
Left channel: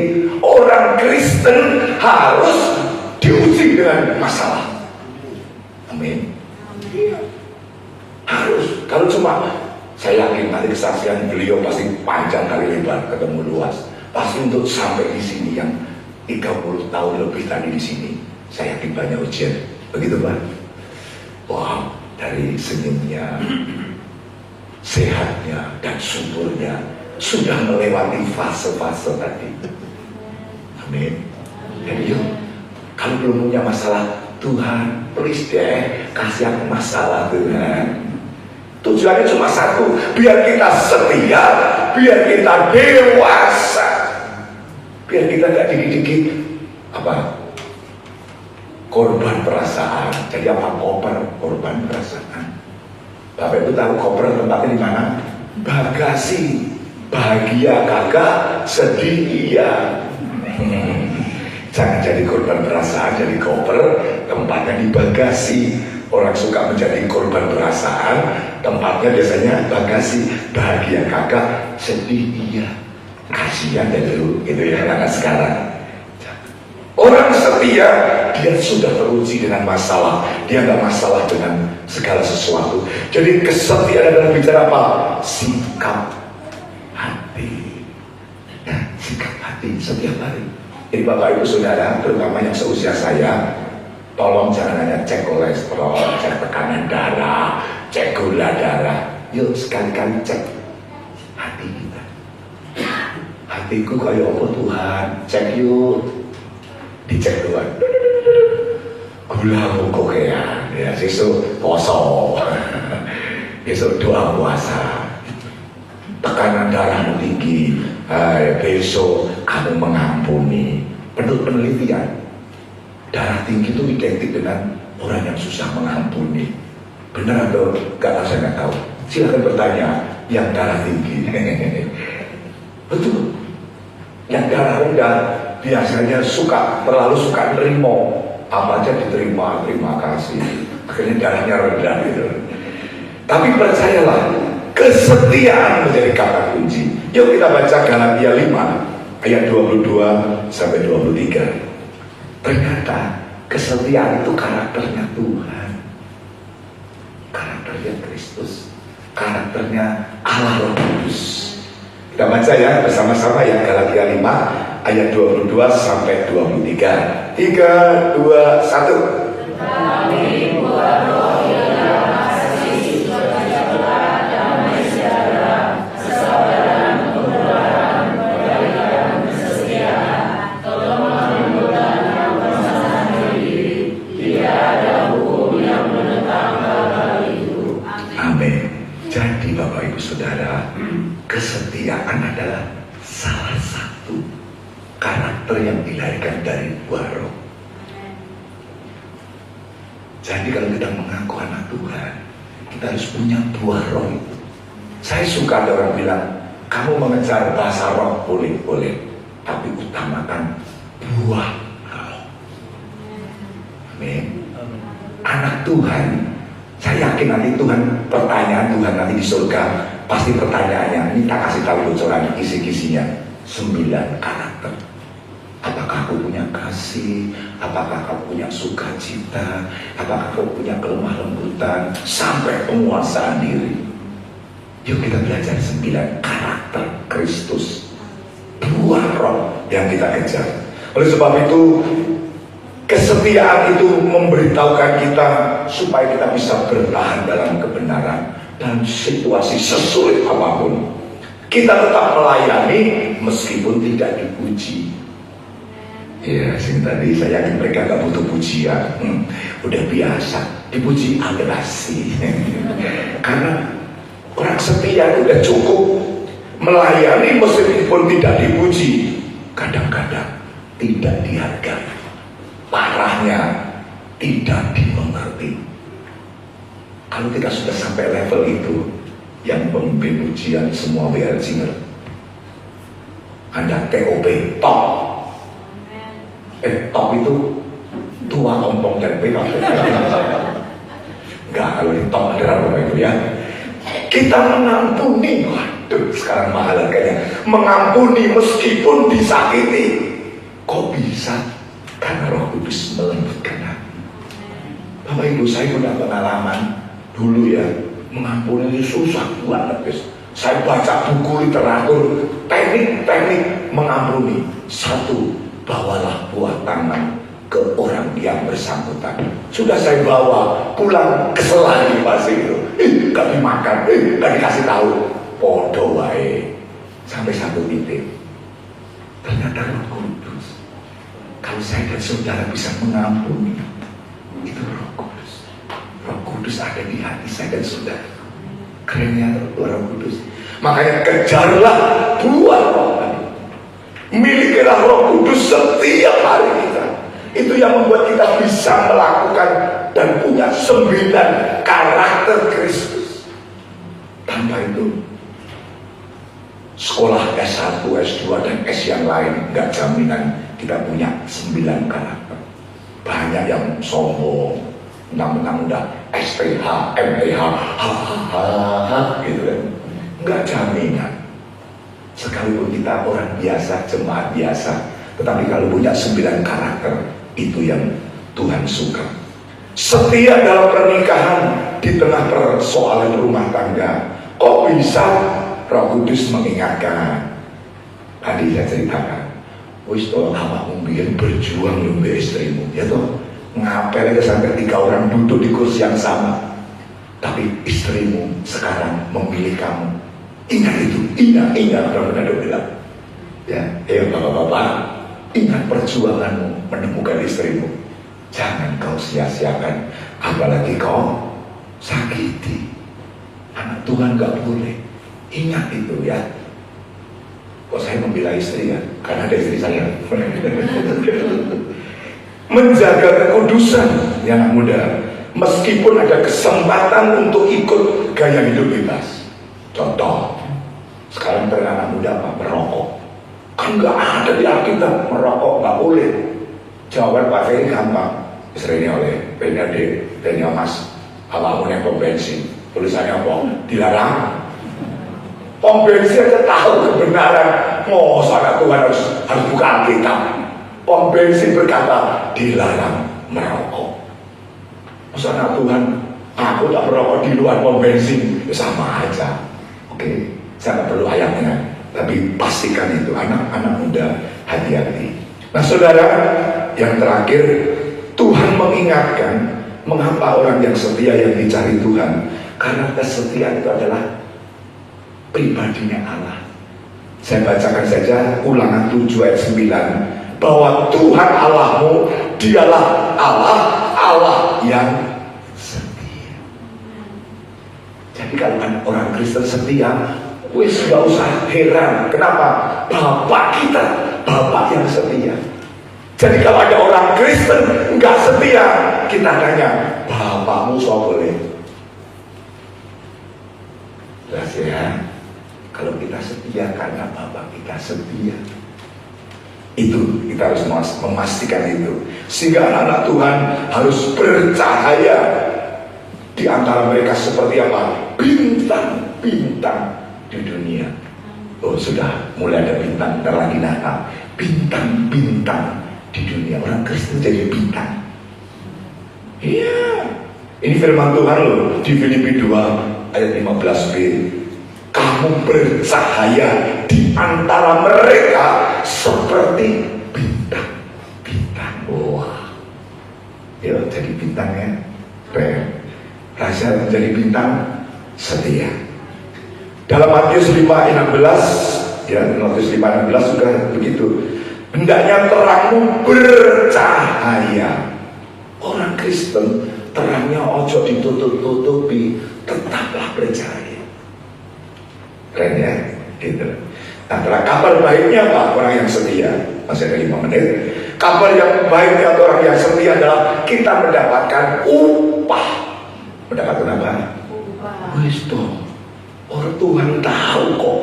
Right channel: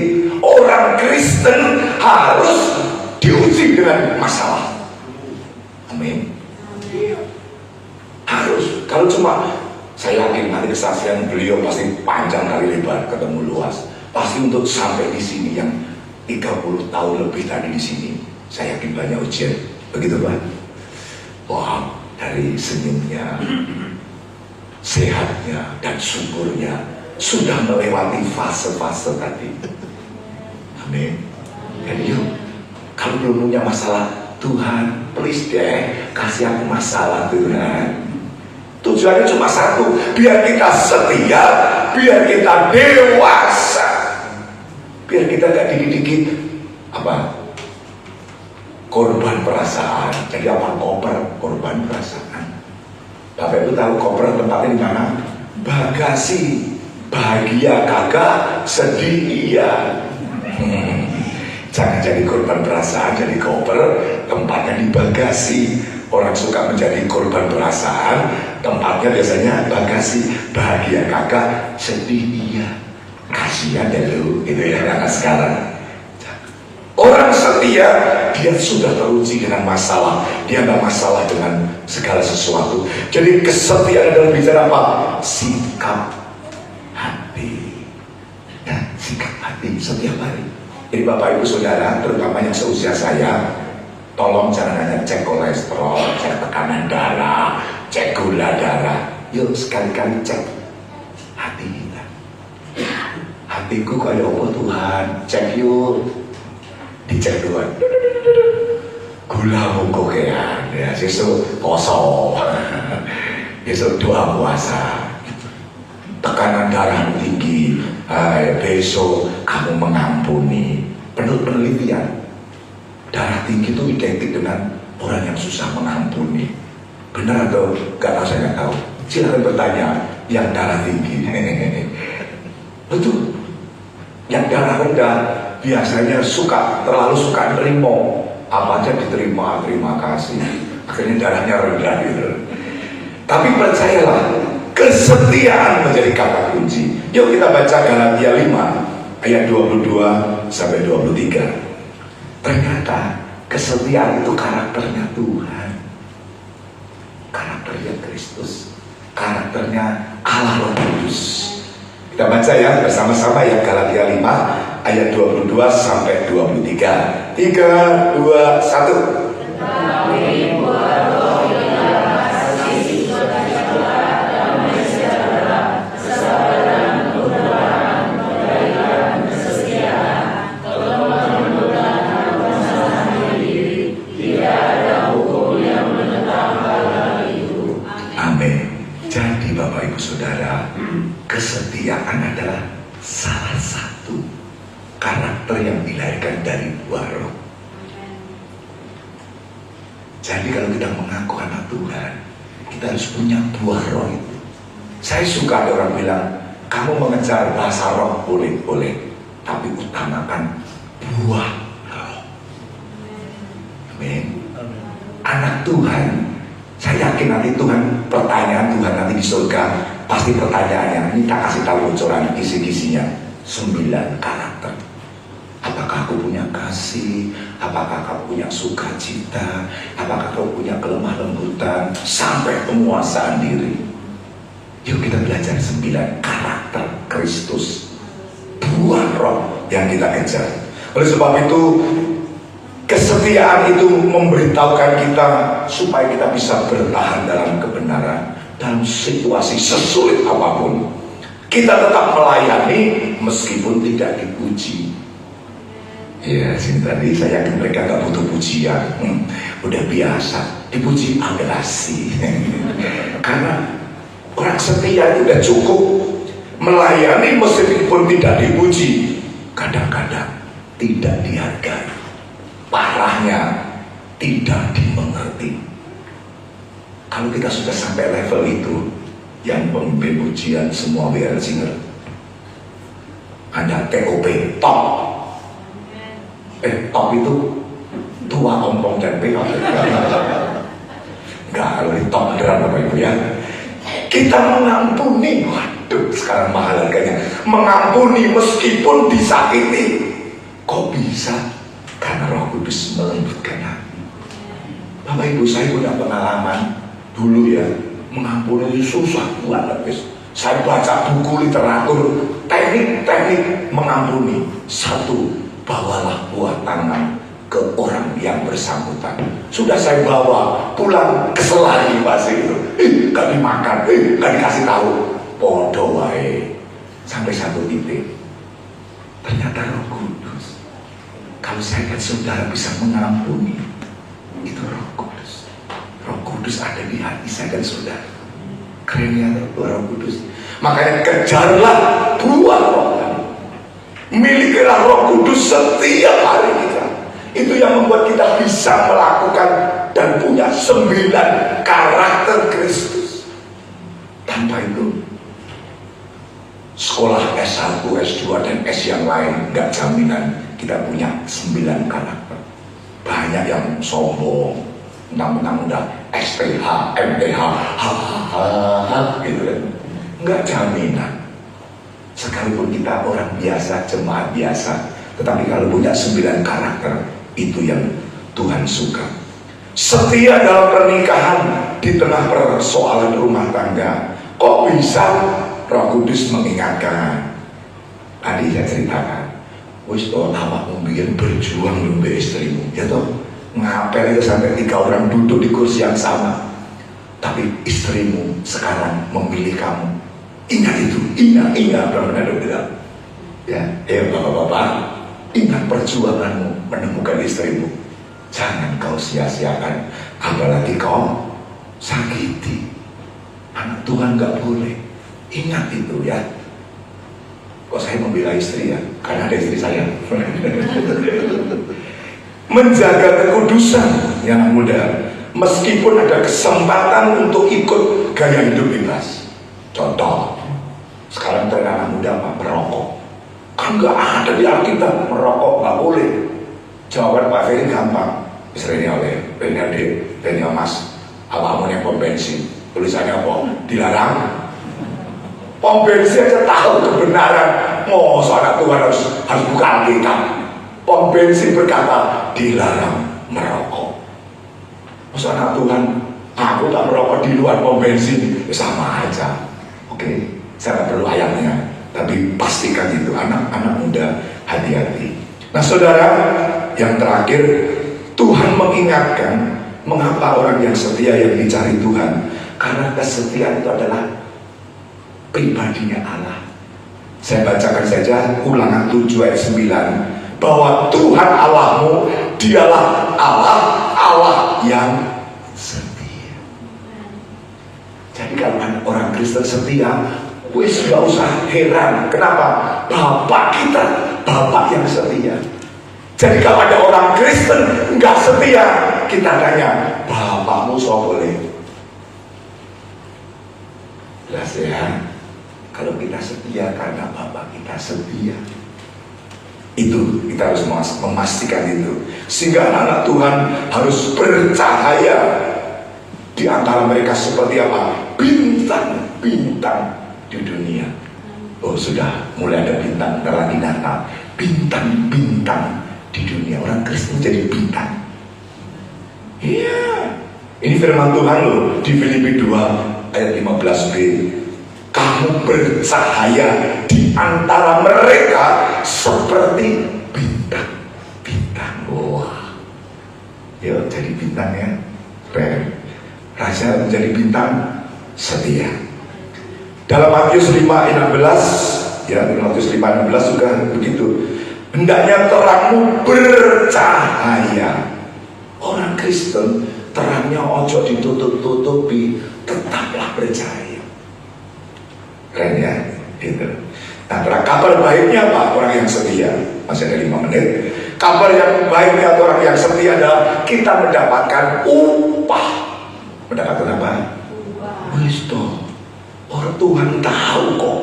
Orang Kristen harus diuji dengan masalah. Amin. Harus. Kalau cuma, saya yakin nanti kesaksian beliau pasti panjang kali lebar, ketemu luas. Pasti untuk sampai di sini yang 30 tahun lebih tadi di sini, saya yakin banyak ujian. Begitu Pak? Wah, dari senyumnya, sehatnya dan suburnya sudah melewati fase-fase tadi. Amin. Jadi yuk, kalau belum punya masalah, Tuhan please deh kasih aku masalah Tuhan. Tujuannya cuma satu, biar kita setia, biar kita dewasa, biar kita gak dikit-dikit korban perasaan. Jadi apa korban perasaan? Bapak Ibu tahu koper tempatnya di mana? Bagasi. Bahagia kagak, sedih iya. Jangan jadi korban perasaan, jadi koper tempatnya di bagasi. Orang suka menjadi korban perasaan, tempatnya biasanya bagasi. Bahagia kagak, sedih iya. Kasihan ya lu, gitu ya anak sekarang. Orang setia, dia sudah teruji dengan masalah. Dia nggak masalah dengan segala sesuatu. Jadi kesetiaan adalah bicara apa? Sikap hati. Ya, sikap hati setiap hari. Jadi Bapak Ibu Saudara, terutama yang seusia saya, tolong jangan hanya cek kolesterol, cek tekanan darah, cek gula darah. Yuk sekali-kali cek hati kita. Hatiku kayak apa Tuhan? Cek yuk. Dicek Tuhan, gula kokean, ya sesuk poso, besok doa puasa, tekanan darah tinggi, besok kamu mengampuni. Menurut penelitian, darah tinggi itu identik dengan orang yang susah mengampuni. Benar atau enggak? Saya nggak tahu. Silakan bertanya yang darah tinggi. Betul. Yang darah rendah biasanya terlalu suka nerima, apa aja diterima, terima kasih, akhirnya darahnya rendah gitu. Tapi percayalah, kesetiaan menjadi kata kunci. Yuk kita baca Galatia 5 ayat 22 sampai 23. Ternyata kesetiaan itu karakternya Tuhan, karakternya Kristus, karakternya Allah Roh Kudus. Kita baca ya bersama-sama ya, Galatia 5 ayat 22 sampai 23. 3, 2, 1. Amin. Jadi Bapak Ibu Saudara, kesetiaan adalah salah satu karakter yang dilahirkan dari buah roh. Jadi kalau kita mengaku anak Tuhan, kita harus punya buah roh itu. Saya suka ada orang bilang, kamu mengejar bahasa roh boleh, tapi utamakan buah roh. Amin. Anak Tuhan, saya yakin nanti Tuhan, pertanyaan Tuhan nanti di surga, pasti pertanyaannya, minta kasih tahu bocoran kisi-kisinya. 9 karakter. Apakah kau punya kasih? Apakah kau punya sukacita? Apakah kau punya kelemah lembutan? Sampai penguasaan diri. Yuk kita belajar 9 karakter Kristus, buah roh yang kita kejar. Oleh sebab itu, kesetiaan itu memberitahukan kita supaya kita bisa bertahan dalam kebenaran dalam situasi sesulit apapun. Kita tetap melayani meskipun tidak dipuji. Ya, tadi saya yakin mereka gak butuh pujian, udah biasa dipuji agresi. Karena orang setia itu udah cukup melayani meskipun tidak dipuji. Kadang-kadang tidak dihargai, parahnya tidak dimengerti. Kalau kita sudah sampai level itu, yang pemimpin pujian semua lihat singer, ada TOP, top. Top itu tua, ompong, dan perak. Enggak, kalau di top adalah Bapak Ibu ya, kita mengampuni. Waduh, sekarang mahal harganya. Mengampuni meskipun disakiti. Kok bisa? Karena Roh Kudus melembutkan hati. Bapak Ibu, saya punya pengalaman dulu ya, mengampuni itu susah banget guys. Saya baca buku literatur teknik-teknik mengampuni. 1, bawalah buah tangan ke orang yang bersangkutan. Sudah saya bawa pulang, kesel lagi pasti itu. Gak dimakan, gak dikasih tahu. Podo wae. Sampai 1 titik, ternyata Roh Kudus. Kalau saya dan saudara bisa mengampuni, itu Roh Kudus. Roh Kudus ada di hati saya dan saudara. Kerennya Roh Kudus. Makanya kejarlah buah roh tadi. Milikilah Roh Kudus setiap hari kita. Itu yang membuat kita bisa melakukan dan punya 9 karakter Kristus. Tanpa itu sekolah S1, S2 dan S yang lain gak jaminan kita punya 9 karakter. Banyak yang sombong, mentang-mentang udah SPH, MPH, gitu kan. Gak jaminan. Sekalipun kita orang biasa, jemaat biasa, tetapi kalau punya 9 karakter, itu yang Tuhan suka. Setia dalam pernikahan di tengah persoalan rumah tangga. Kok bisa Roh Kudus mengingatkan? Tadi saya ceritakan, wis awakmu biyen berjuang untuk istrimu, ya toh. Ngapel itu sampai 3 orang duduk di kursi yang sama, tapi istrimu sekarang memilih kamu. Ingat itu, ingat Bro bilang. Ya, bapak-bapak, ingat perjuanganmu menemukan istrimu. Jangan kau sia-siakan, apalagi kau sakiti. Anak Tuhan gak boleh. Ingat itu ya. Kok saya membela istri ya? Karena ada istri saya. Menjaga kekudusan yang muda, meskipun ada kesempatan untuk ikut gaya hidup bebas. Contoh, sekarang tren anak muda apa? Merokok. Kan nggak ada di Alkitab merokok nggak boleh. Jawaban Pak Ferry gampang. Istrinya oleh Benny Mas, awalmu yang pom bensin. Tulisannya apa? Dilarang. Pom bensin aja tahu kebenaran. Oh, anak Tuhan harus buka Alkitab. Pom bensin berkata dilarang merokok. Masa anak Tuhan, aku tak merokok di luar pom bensin, ya sama aja. Oke, saya tak perlu ayatnya, tapi pastikan itu anak-anak muda hati-hati. Nah saudara, yang terakhir, Tuhan mengingatkan mengapa orang yang setia yang dicari Tuhan, karena kesetiaan itu adalah pribadinya Allah. Saya bacakan saja Ulangan 7 ayat 9, bahwa Tuhan Allahmu dialah Allah yang setia. Jadi kalau orang Kristen setia, wis gak usah heran. Kenapa? Bapak kita, Bapak yang setia. Jadi kalau ada orang Kristen nggak setia, kita tanya, bapakmu so boleh? Jelas ya. Kalau kita setia karena Bapak kita setia, itu kita harus memastikan itu. Sehingga anak Tuhan harus bercahaya di antara mereka seperti apa? Bintang-bintang di dunia. Oh sudah mulai ada bintang, dan lagi Natal. Bintang-bintang di dunia. Orang Kristen jadi bintang. Iya. Ini firman Tuhan loh di Filipi 2 ayat 15b. Kamu bercahaya di antara mereka seperti bintang-bintang. Wah. Ya jadi bintang ya. Keren. Raja menjadi bintang setia. Dalam Matius 5:16, ya Matius 5:16 juga begitu. Hendaknya terangmu bercahaya. Orang Kristen terangnya ojo ditutup-tutupi, tetaplah bercahaya. Keren ya, gitu. Nah, kabar baiknya apa? Orang yang setia. Masih ada 5 menit. Kabar yang baiknya orang yang setia adalah kita mendapatkan upah. Mendapatkan apa? Upah. Wisdom. Orang Tuhan tahu kok.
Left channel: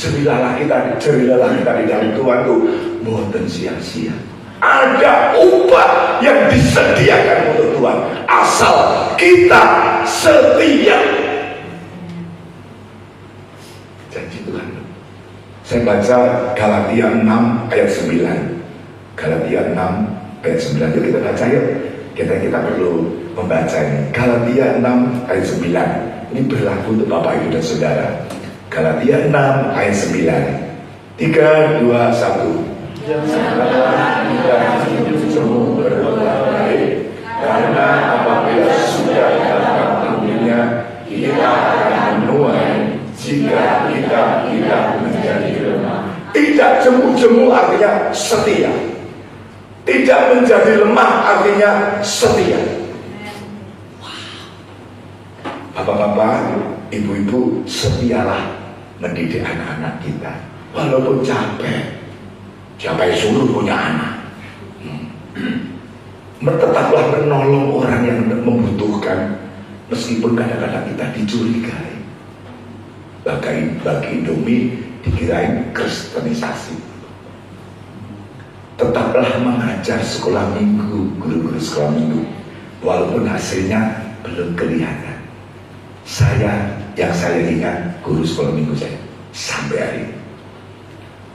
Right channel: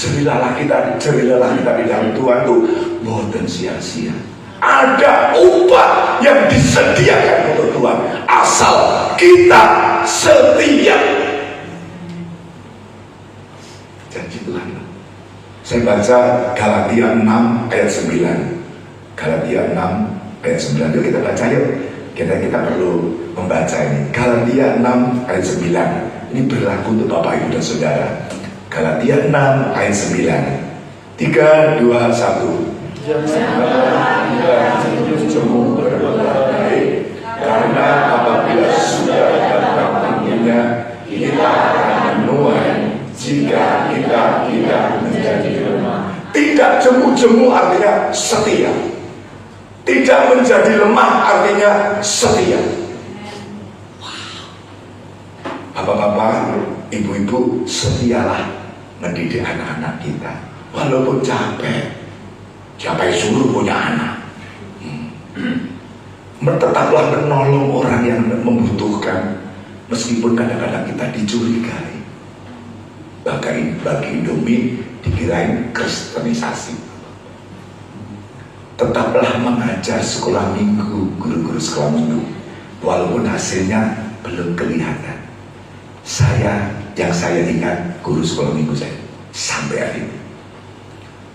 Jerilalah kita di dalam Tuhan tuh boten sia-sia. Ada upah yang disediakan untuk Tuhan asal kita setia. Janji Tuhan. Saya baca Galatia 6 ayat 9. Galatia 6 ayat 9. Yuk kita baca yuk. Kita perlu membaca ini. Galatia 6 ayat 9. Ini berlaku untuk Bapak Ibu dan Saudara. Galatia 6 ayat 9. 3, 2, 1. Janganlah kita cemburu berbuat baik, karena apabila sudah datang waktunya, kita akan menuai jika kita tidak menjadi lemah. Tidak jemu-jemu artinya setia. Tidak menjadi lemah artinya setia. Bapak-bapak, ibu-ibu setialah mendidik anak-anak kita. Walaupun capek, siapa yang suruh punya anak? Tetaplah menolong orang yang membutuhkan, meskipun kadang-kadang kita dicurigai. Bagi Indomie dikirain kristenisasi. Tetaplah mengajar sekolah minggu, guru-guru sekolah minggu, walaupun hasilnya belum kelihatan. Yang saya ingat guru sekolah minggu saya sampai hari ini.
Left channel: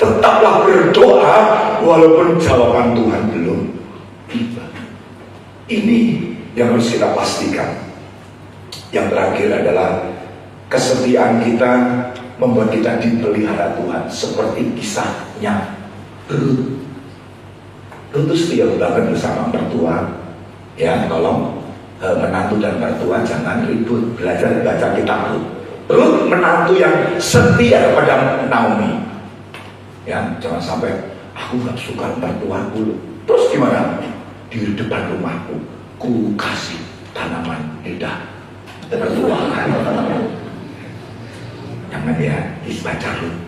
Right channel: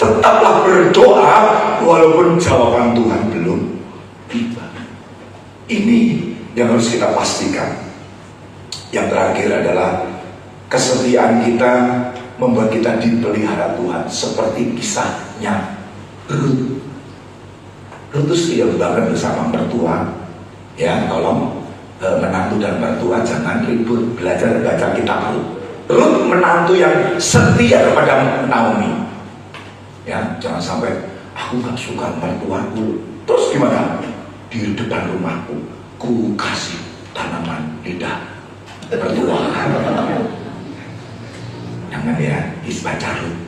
Tetaplah berdoa walaupun jawaban Tuhan belum tiba. Ini yang harus kita pastikan. Yang terakhir adalah kesetiaan kita membuat kita dipelihara Tuhan, seperti kisahnya Ruth. Ruth itu setia banget bersama mertua. Ya, tolong menantu dan mertua jangan ribut, belajar baca kitab Ruth. Ruth menantu yang setia kepada Naomi. Ya, jangan sampai aku gak suka mertuaku. Terus gimana? Di depan rumahku ku kasih tanaman lidah mertua. Jangan ya, baca Ruth.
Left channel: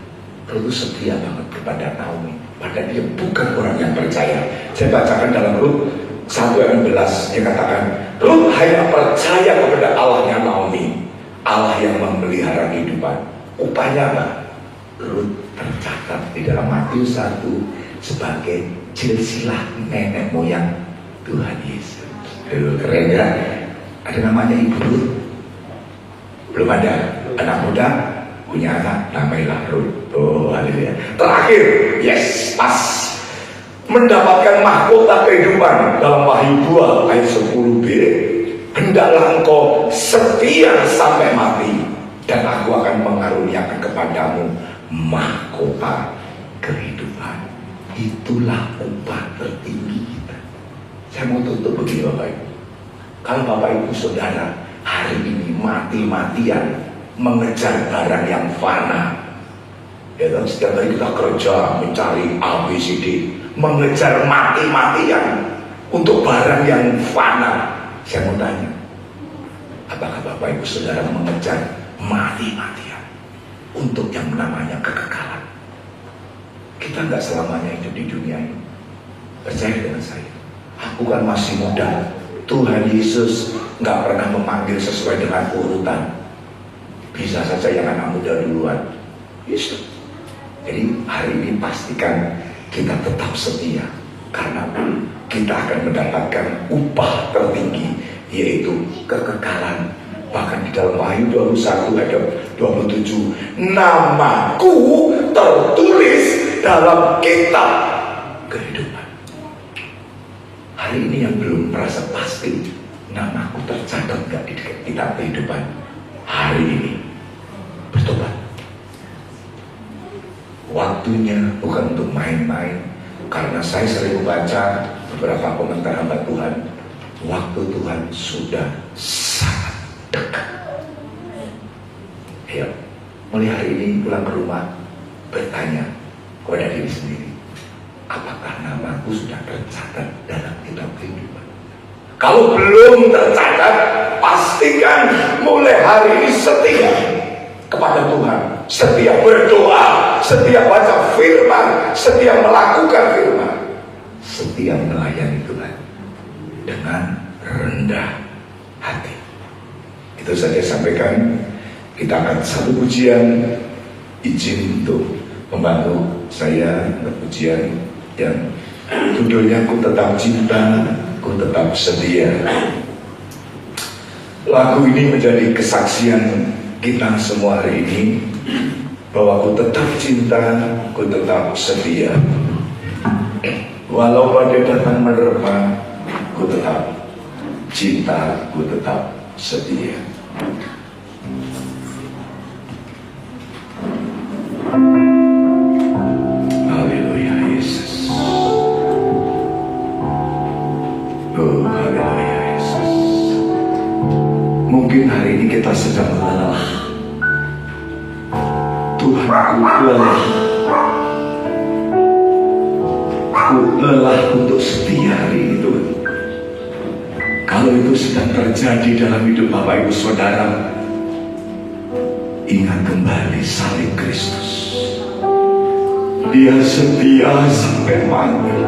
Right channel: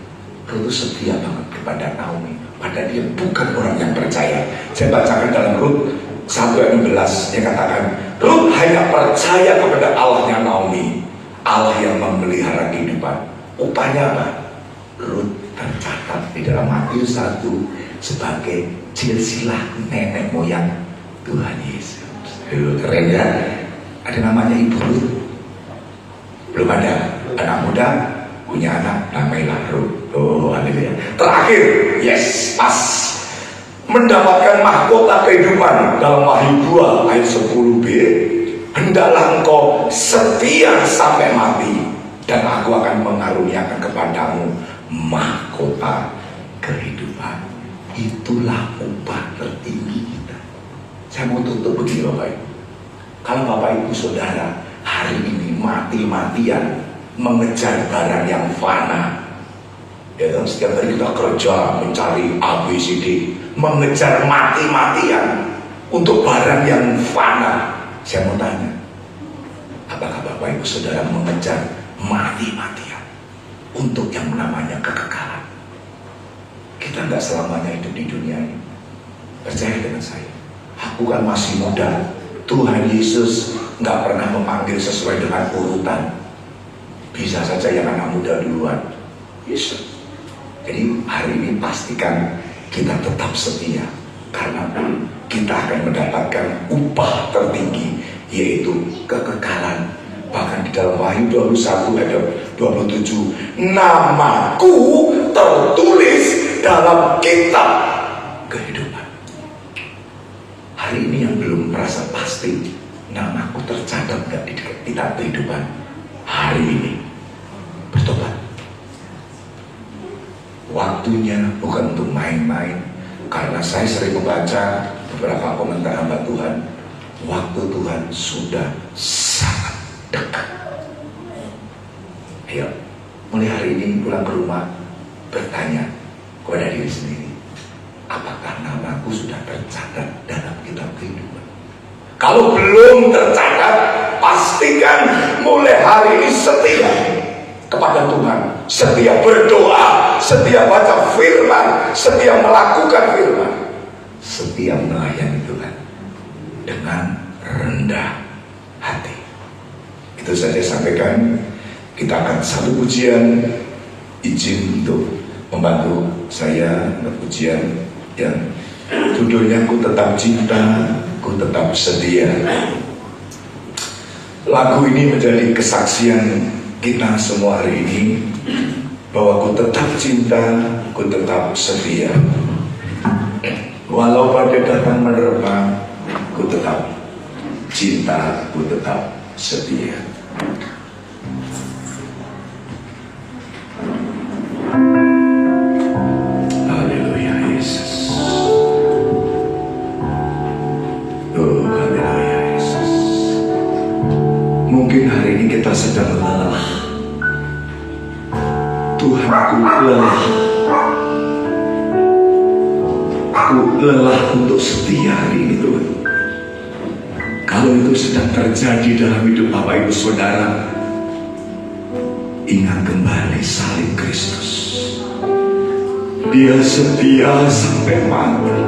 Ruth setia banget kepada Naomi, padahal dia bukan orang yang percaya. Saya bacakan dalam Ruth 1:16, dia katakan, Ruth hanya percaya kepada Allahnya Naomi, Allah yang memelihara kehidupan. Upaya apa? Ruth tercatat di dalam Matius 1 sebagai silsilah nenek moyang Tuhan Yesus. Keren ya? Ada namanya Ibu Ruth? Belum ada. Anak muda punya anak namanya Ruth. Oh, haleluya. Terakhir, yes, pas mendapatkan mahkota kehidupan dalam Wahyu 2 ayat 10b, hendaklah engkau setia sampai mati, dan aku akan mengaruniakan kepadamu mahkota kehidupan. Itulah upah tertinggi kita. Saya mau tutup begini Bapak Ibu. Kalau Bapak Ibu Saudara hari ini mati-matian mengejar barang yang fana, ya kan, setiap hari kita kerja mencari ABCD, mengejar mati-matian untuk barang yang fana. Saya mau tanya, apakah Bapak Ibu Saudara mengejar mati-matian untuk yang namanya kekekalan? Kita nggak selamanya hidup di dunia ini. Percaya dengan saya, aku kan masih muda. Tuhan Yesus nggak pernah memanggil sesuai dengan urutan. Bisa saja yang anak muda duluan. Bisa. Jadi hari ini pastikan kita tetap setia, karena kita akan mendapatkan upah tertinggi, yaitu kekekalan. Bahkan di dalam Wahyu 21 ayat 27, namaku tertulis dalam kitab kehidupan. Hari ini yang belum merasa pasti namaku tercatat gak di kitab kehidupan, hari ini bertobat. Waktunya bukan untuk main-main, karena saya sering membaca beberapa komentar hamba Tuhan. Waktu Tuhan sudah sangat dekat. Ayo, mulai hari ini pulang ke rumah, bertanya kepada diri sendiri, apakah namaku sudah tercatat dalam kitab kehidupan? Kalau belum tercatat, pastikan mulai hari ini setia kepada Tuhan, setia berdoa, setia baca firman, setia melakukan firman, setia melayani Tuhan dengan rendah hati. Itu saja sampaikan. Kita akan satu pujian, izin untuk membantu saya pujian yang judulnya Ku Tetap Cinta, Ku Tetap Setia. Lagu ini menjadi kesaksian kita semua hari ini bahwa ku tetap cinta, ku tetap setia. Walau badai datang menerpa, ku tetap cinta, ku tetap setia. Haleluya Yesus. Oh haleluya Yesus. Mungkin hari ini kita sedang lelah. Tuhan, aku lelah. Aku lelah untuk setia hari ini Tuhan. Kalau itu sedang terjadi dalam hidup Bapak Ibu Saudara, ingat kembali salib Kristus. Dia setia sampai mati.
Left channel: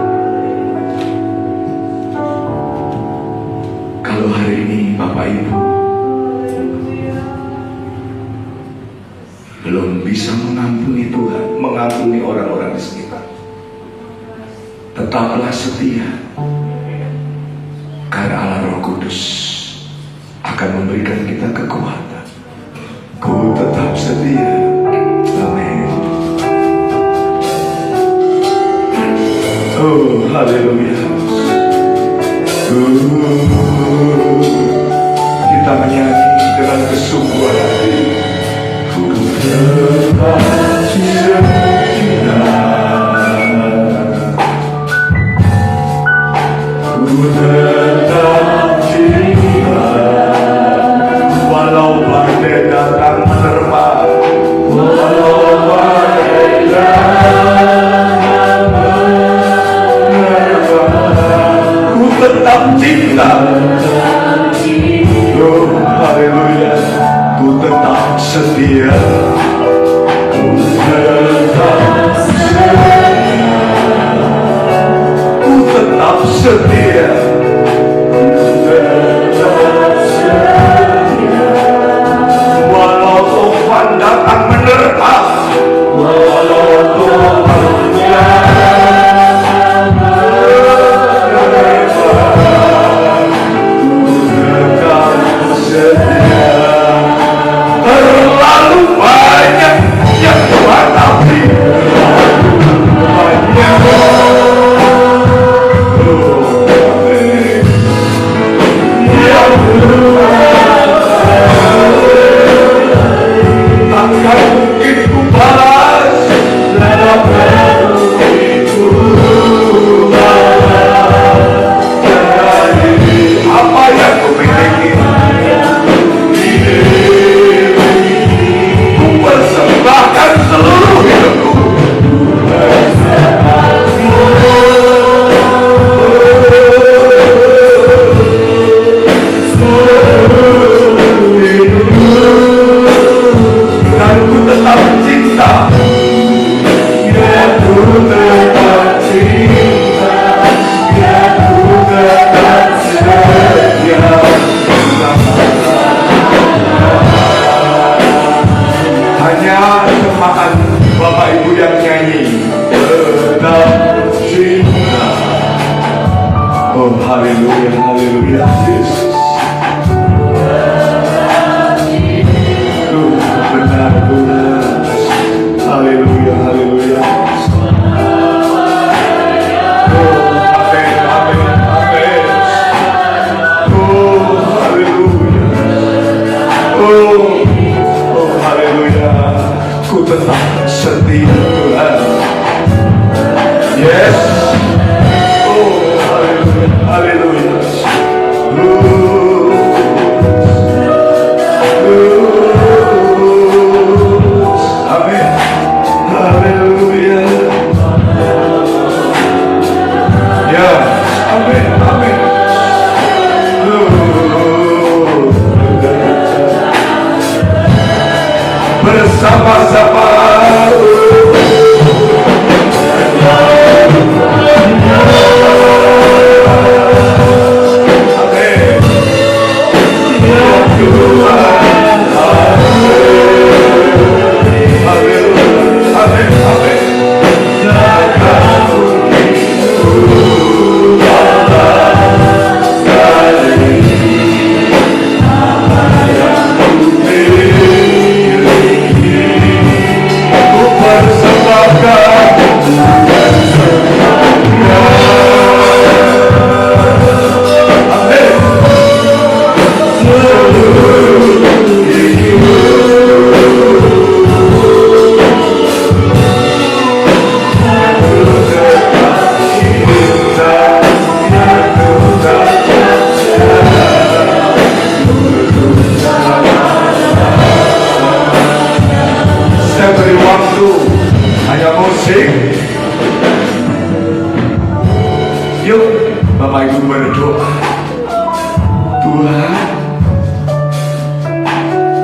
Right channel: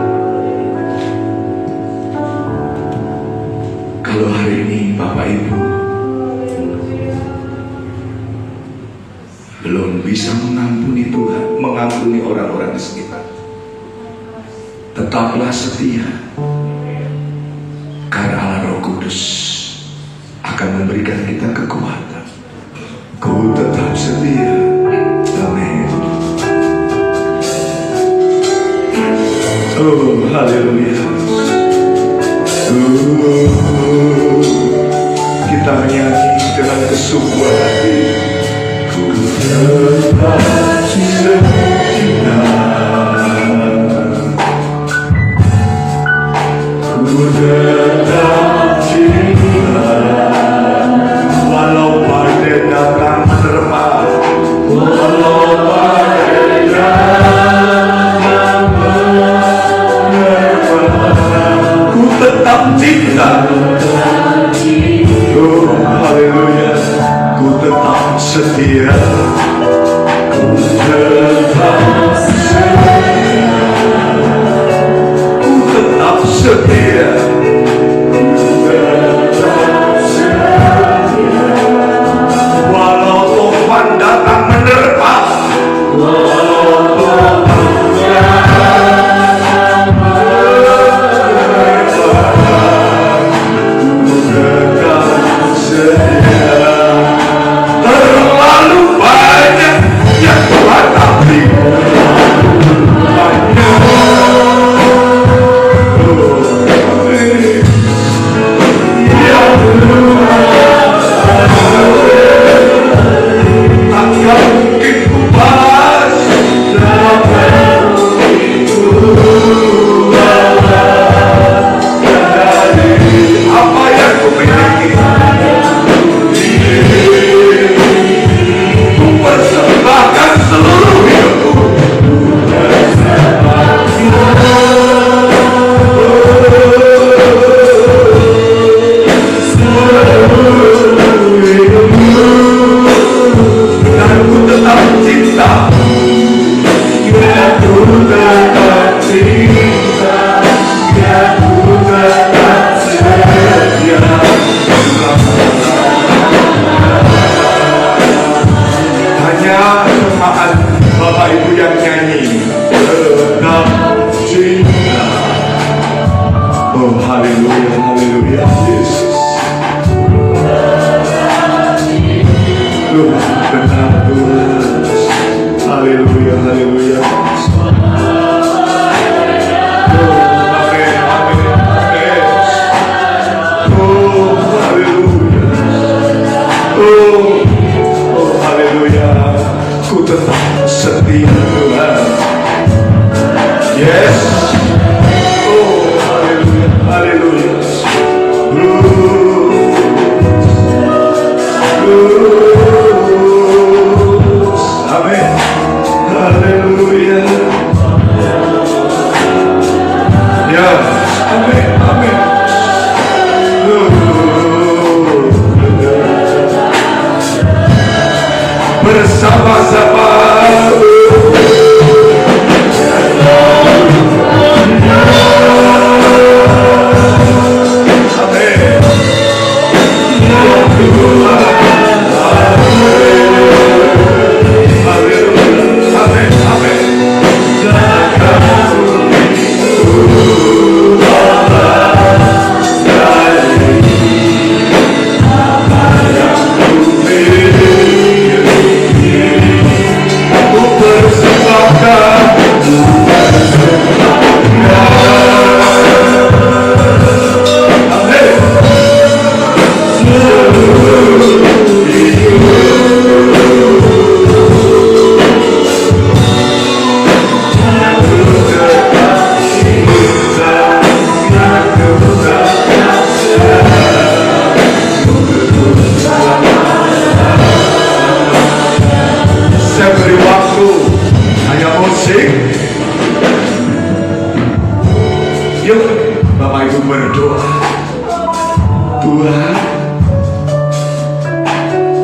Kalau hari ini Bapak Ibu belum bisa mengampuni Tuhan, mengampuni orang-orang di sekitar, tetaplah setia, karena Allah Roh Kudus akan memberikan kita kekuatan. Ku tetap setia. Amin. Oh, haleluya. Kita menyanyi dengan kesungguhan hati. Ku tetap setia. Ku tetap cinta, walau badai datang menerpa, walau badai datang menerpa, ku tetap cinta. Oh, haleluya. Ku tetap setia. Ku tetap setia. Ku tetap setia. Walau topan datang menerpa, walau topan datang menerpa, ku tetap setia. Terlalu banyak yang Tuhan ampuni.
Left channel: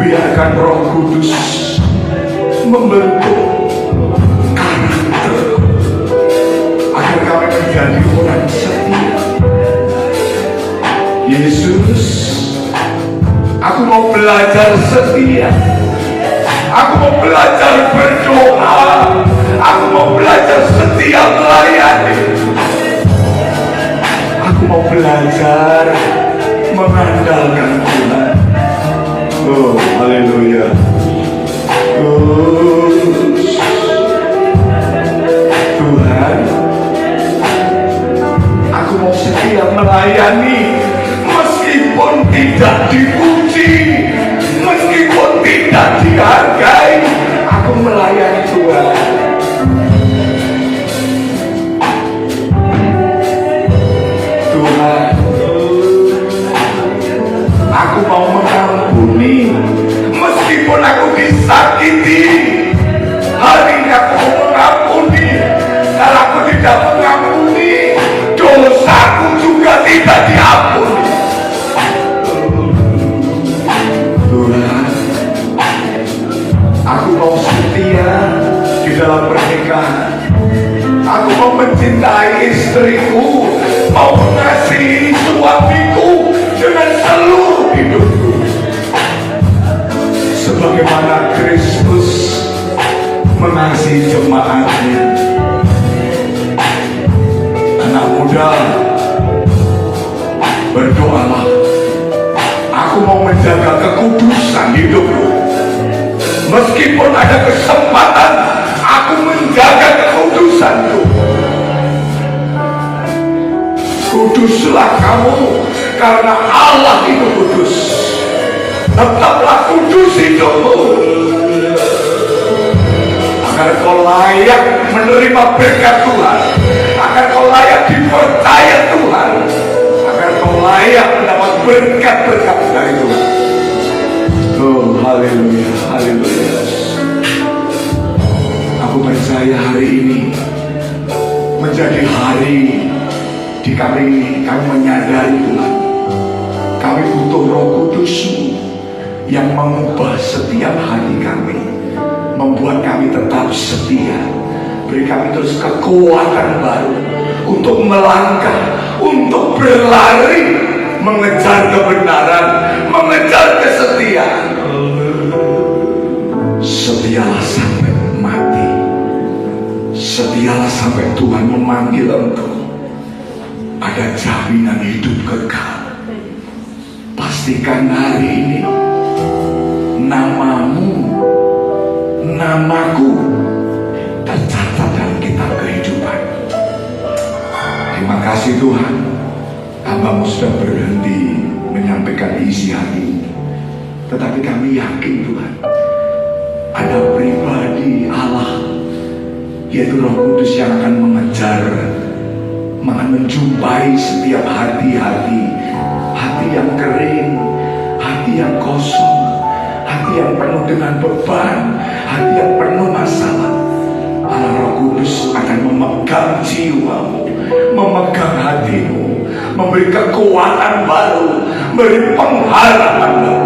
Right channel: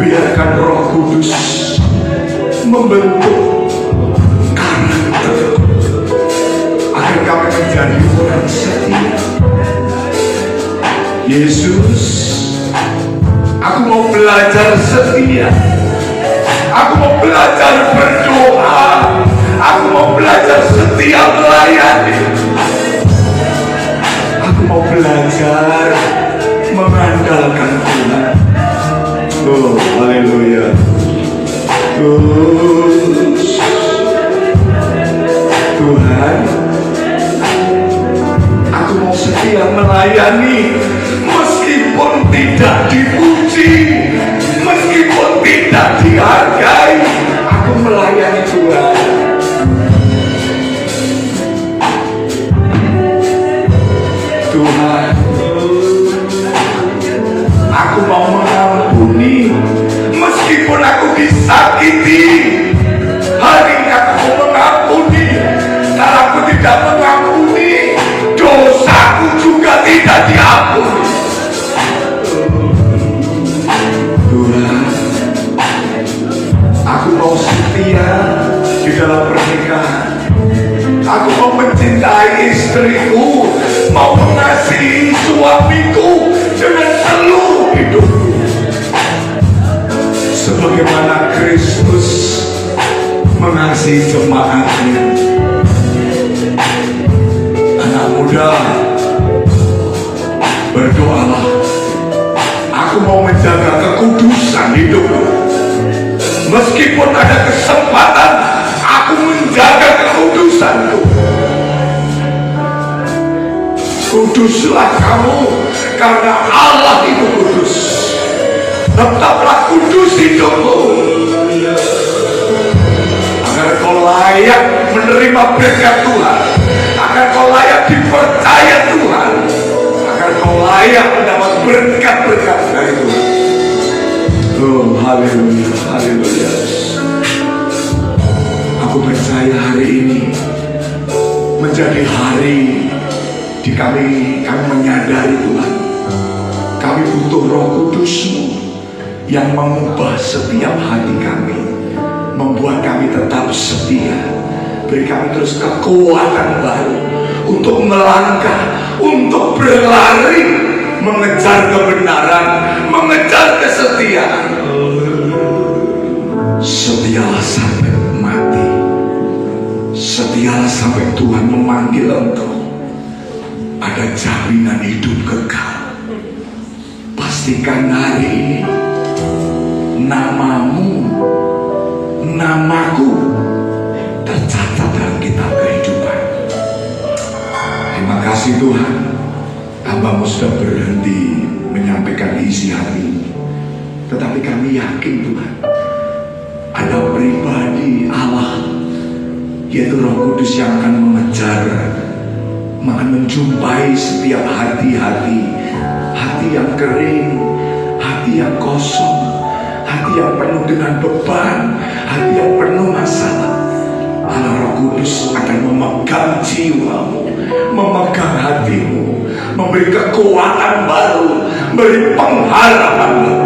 biarkan Roh Kudus membentuk karakter agar kami menjadi orang setia. Yesus, aku mau belajar setia. Aku mau belajar berdoa. Aku mau belajar setia melayani. Aku mau belajar mengandalkan Tuhan. Oh, haleluya. Tuhan, aku mau setia melayani meskipun tidak dipuji, meskipun tidak dihargai. Aku melayani Tuhan. Tuhan, aku mau mengampuni meskipun aku disakiti. Hari ini aku mau mengampuni. Kalau aku tidak mengampuni, dosaku juga tidak diampuni. Tuhan, aku mau setia di dalam pernikahan. Aku mau mencintai istriku, mau mengasihi suamiku dengan seluruh hidupku, sebagaimana Kristus mengasihi jemaatnya. Anak muda, berdoalah. Aku mau menjaga kekudusan hidupku. Meskipun ada kesempatan, aku menjaga kekudusanku. Kuduslah kamu, karena Allah itu kudus. Tetaplah kudus hidupmu, agar kau layak menerima berkat Tuhan, agar kau layak dipercaya Tuhan, agar kau layak mendapat berkat-berkat dari Tuhan. Oh, haleluya, haleluya. Aku percaya hari ini menjadi hari di kami menyadari Tuhan, kami butuh Roh Kudus-Mu yang mengubah setiap hati kami, membuat kami tetap setia. Beri kami terus kekuatan baru untuk melangkah, untuk berlari, mengejar kebenaran, mengejar kesetiaan. Setialah sampai mati, setialah sampai Tuhan memanggil engkau. Ada jaminan hidup kekal. Pastikan hari ini namamu, namaku tercatat dalam kitab kehidupan. Terima kasih Tuhan, hamba-Mu sudah berhenti menyampaikan isi hati ini. Tetapi kami yakin Tuhan, ada pribadi Allah, yaitu Roh Kudus yang akan mengejar, akan menjumpai setiap hati-hati yang kering, hati yang kosong, hati yang penuh dengan beban, hati yang penuh masalah. Allah Roh Kudus akan memegang jiwamu, memegang hatimu, memberi kekuatan baru, memberi pengharapan baru.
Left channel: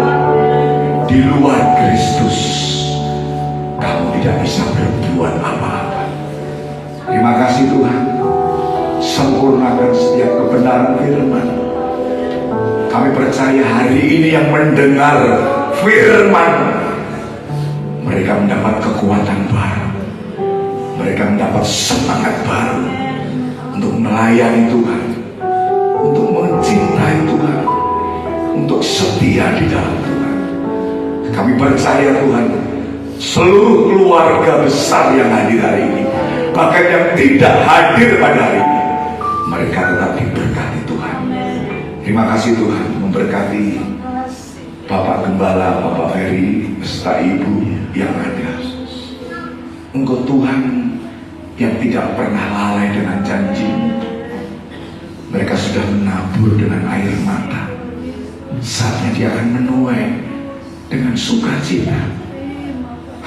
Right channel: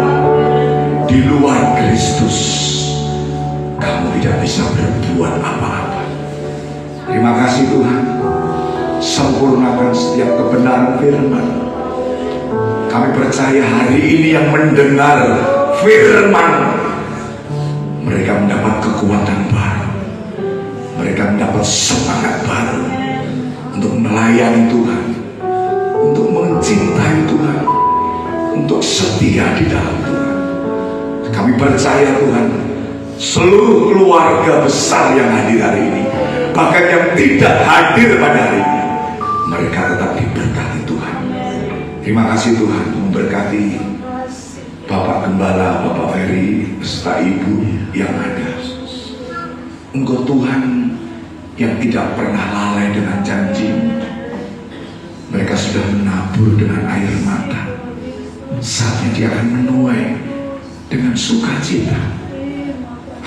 Di luar Kristus kamu tidak bisa berbuat apa-apa. Terima kasih Tuhan, sempurnakan setiap kebenaran firman. Kami percaya hari ini yang mendengar firman, mereka mendapat kekuatan baru, mereka mendapat semangat baru untuk melayani Tuhan, untuk mencintai Tuhan, untuk setia di dalam Tuhan. Kami percaya Tuhan, seluruh keluarga besar yang hadir hari ini, bahkan yang tidak hadir pada hari ini, mereka tetap diberkati Tuhan. Terima kasih Tuhan, memberkati Bapak Gembala, Bapak Ferry, beserta Ibu yang ada. Engkau Tuhan yang tidak pernah lalai dengan janji. Mereka sudah menabur dengan air mata. Saatnya dia akan menuai dengan sukacita.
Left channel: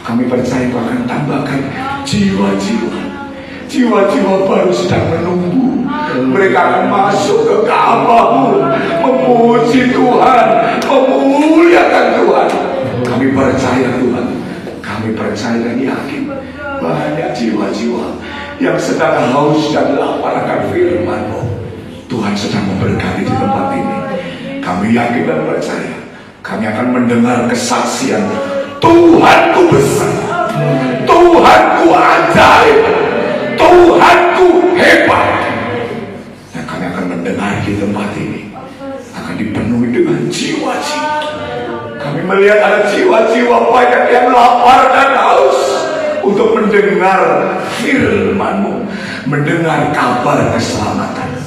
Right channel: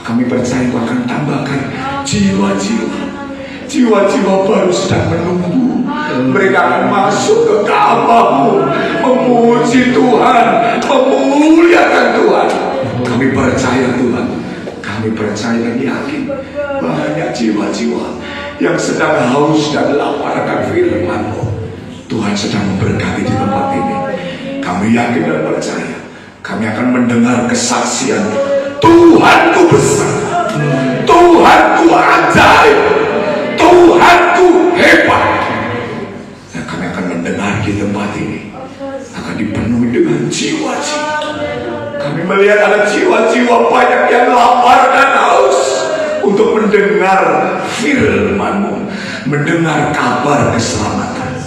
Kami percaya Kau akan tambahkan jiwa-jiwa baru sedang menunggu. Mereka akan masuk ke Ka'bah-Mu, memuji Tuhan, memuliakan Tuhan. Kami Kami percaya dan yakin banyak jiwa-jiwa yang sedang haus dan lapar akan firman-Mu. Tuhan sedang memberkati di tempat ini. Kami yakin dan percaya kami akan mendengar kesaksian Tuhanku besar, Tuhanku ajaib, Tuhanku hebat. Dan kami akan mendengar di tempat ini akan dipenuhi dengan jiwa-jiwa. Kami melihat ada jiwa-jiwa banyak yang lapar dan haus untuk mendengar firman-Mu, mendengar kabar keselamatan.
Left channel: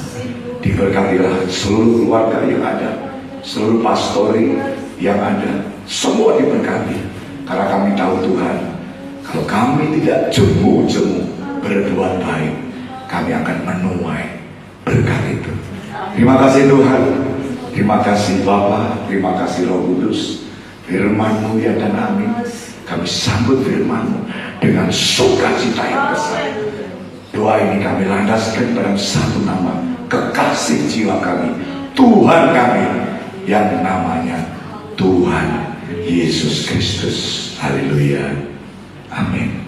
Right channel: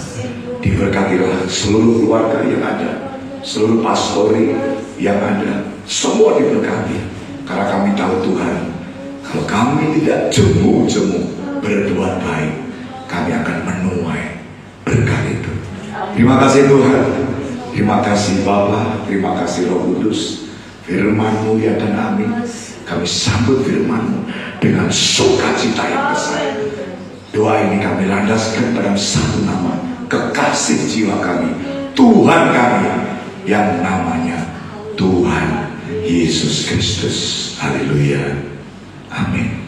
Diberkatilah seluruh keluarga yang ada, seluruh pastori yang ada, semua diberkati. Karena kami tahu Tuhan, kalau kami tidak jemu-jemu berbuat baik, kami akan menuai berkat itu. Terima kasih Tuhan, terima kasih Bapa, terima kasih Roh Kudus. Firman-Mu ya dan amin. Kami sambut firman-Mu dengan sukacita yang besar. Doa ini kami landaskan dalam satu nama, kekasih jiwa kami, Tuhan kami yang namanya Tuhan Yesus Kristus. Haleluya. Amin.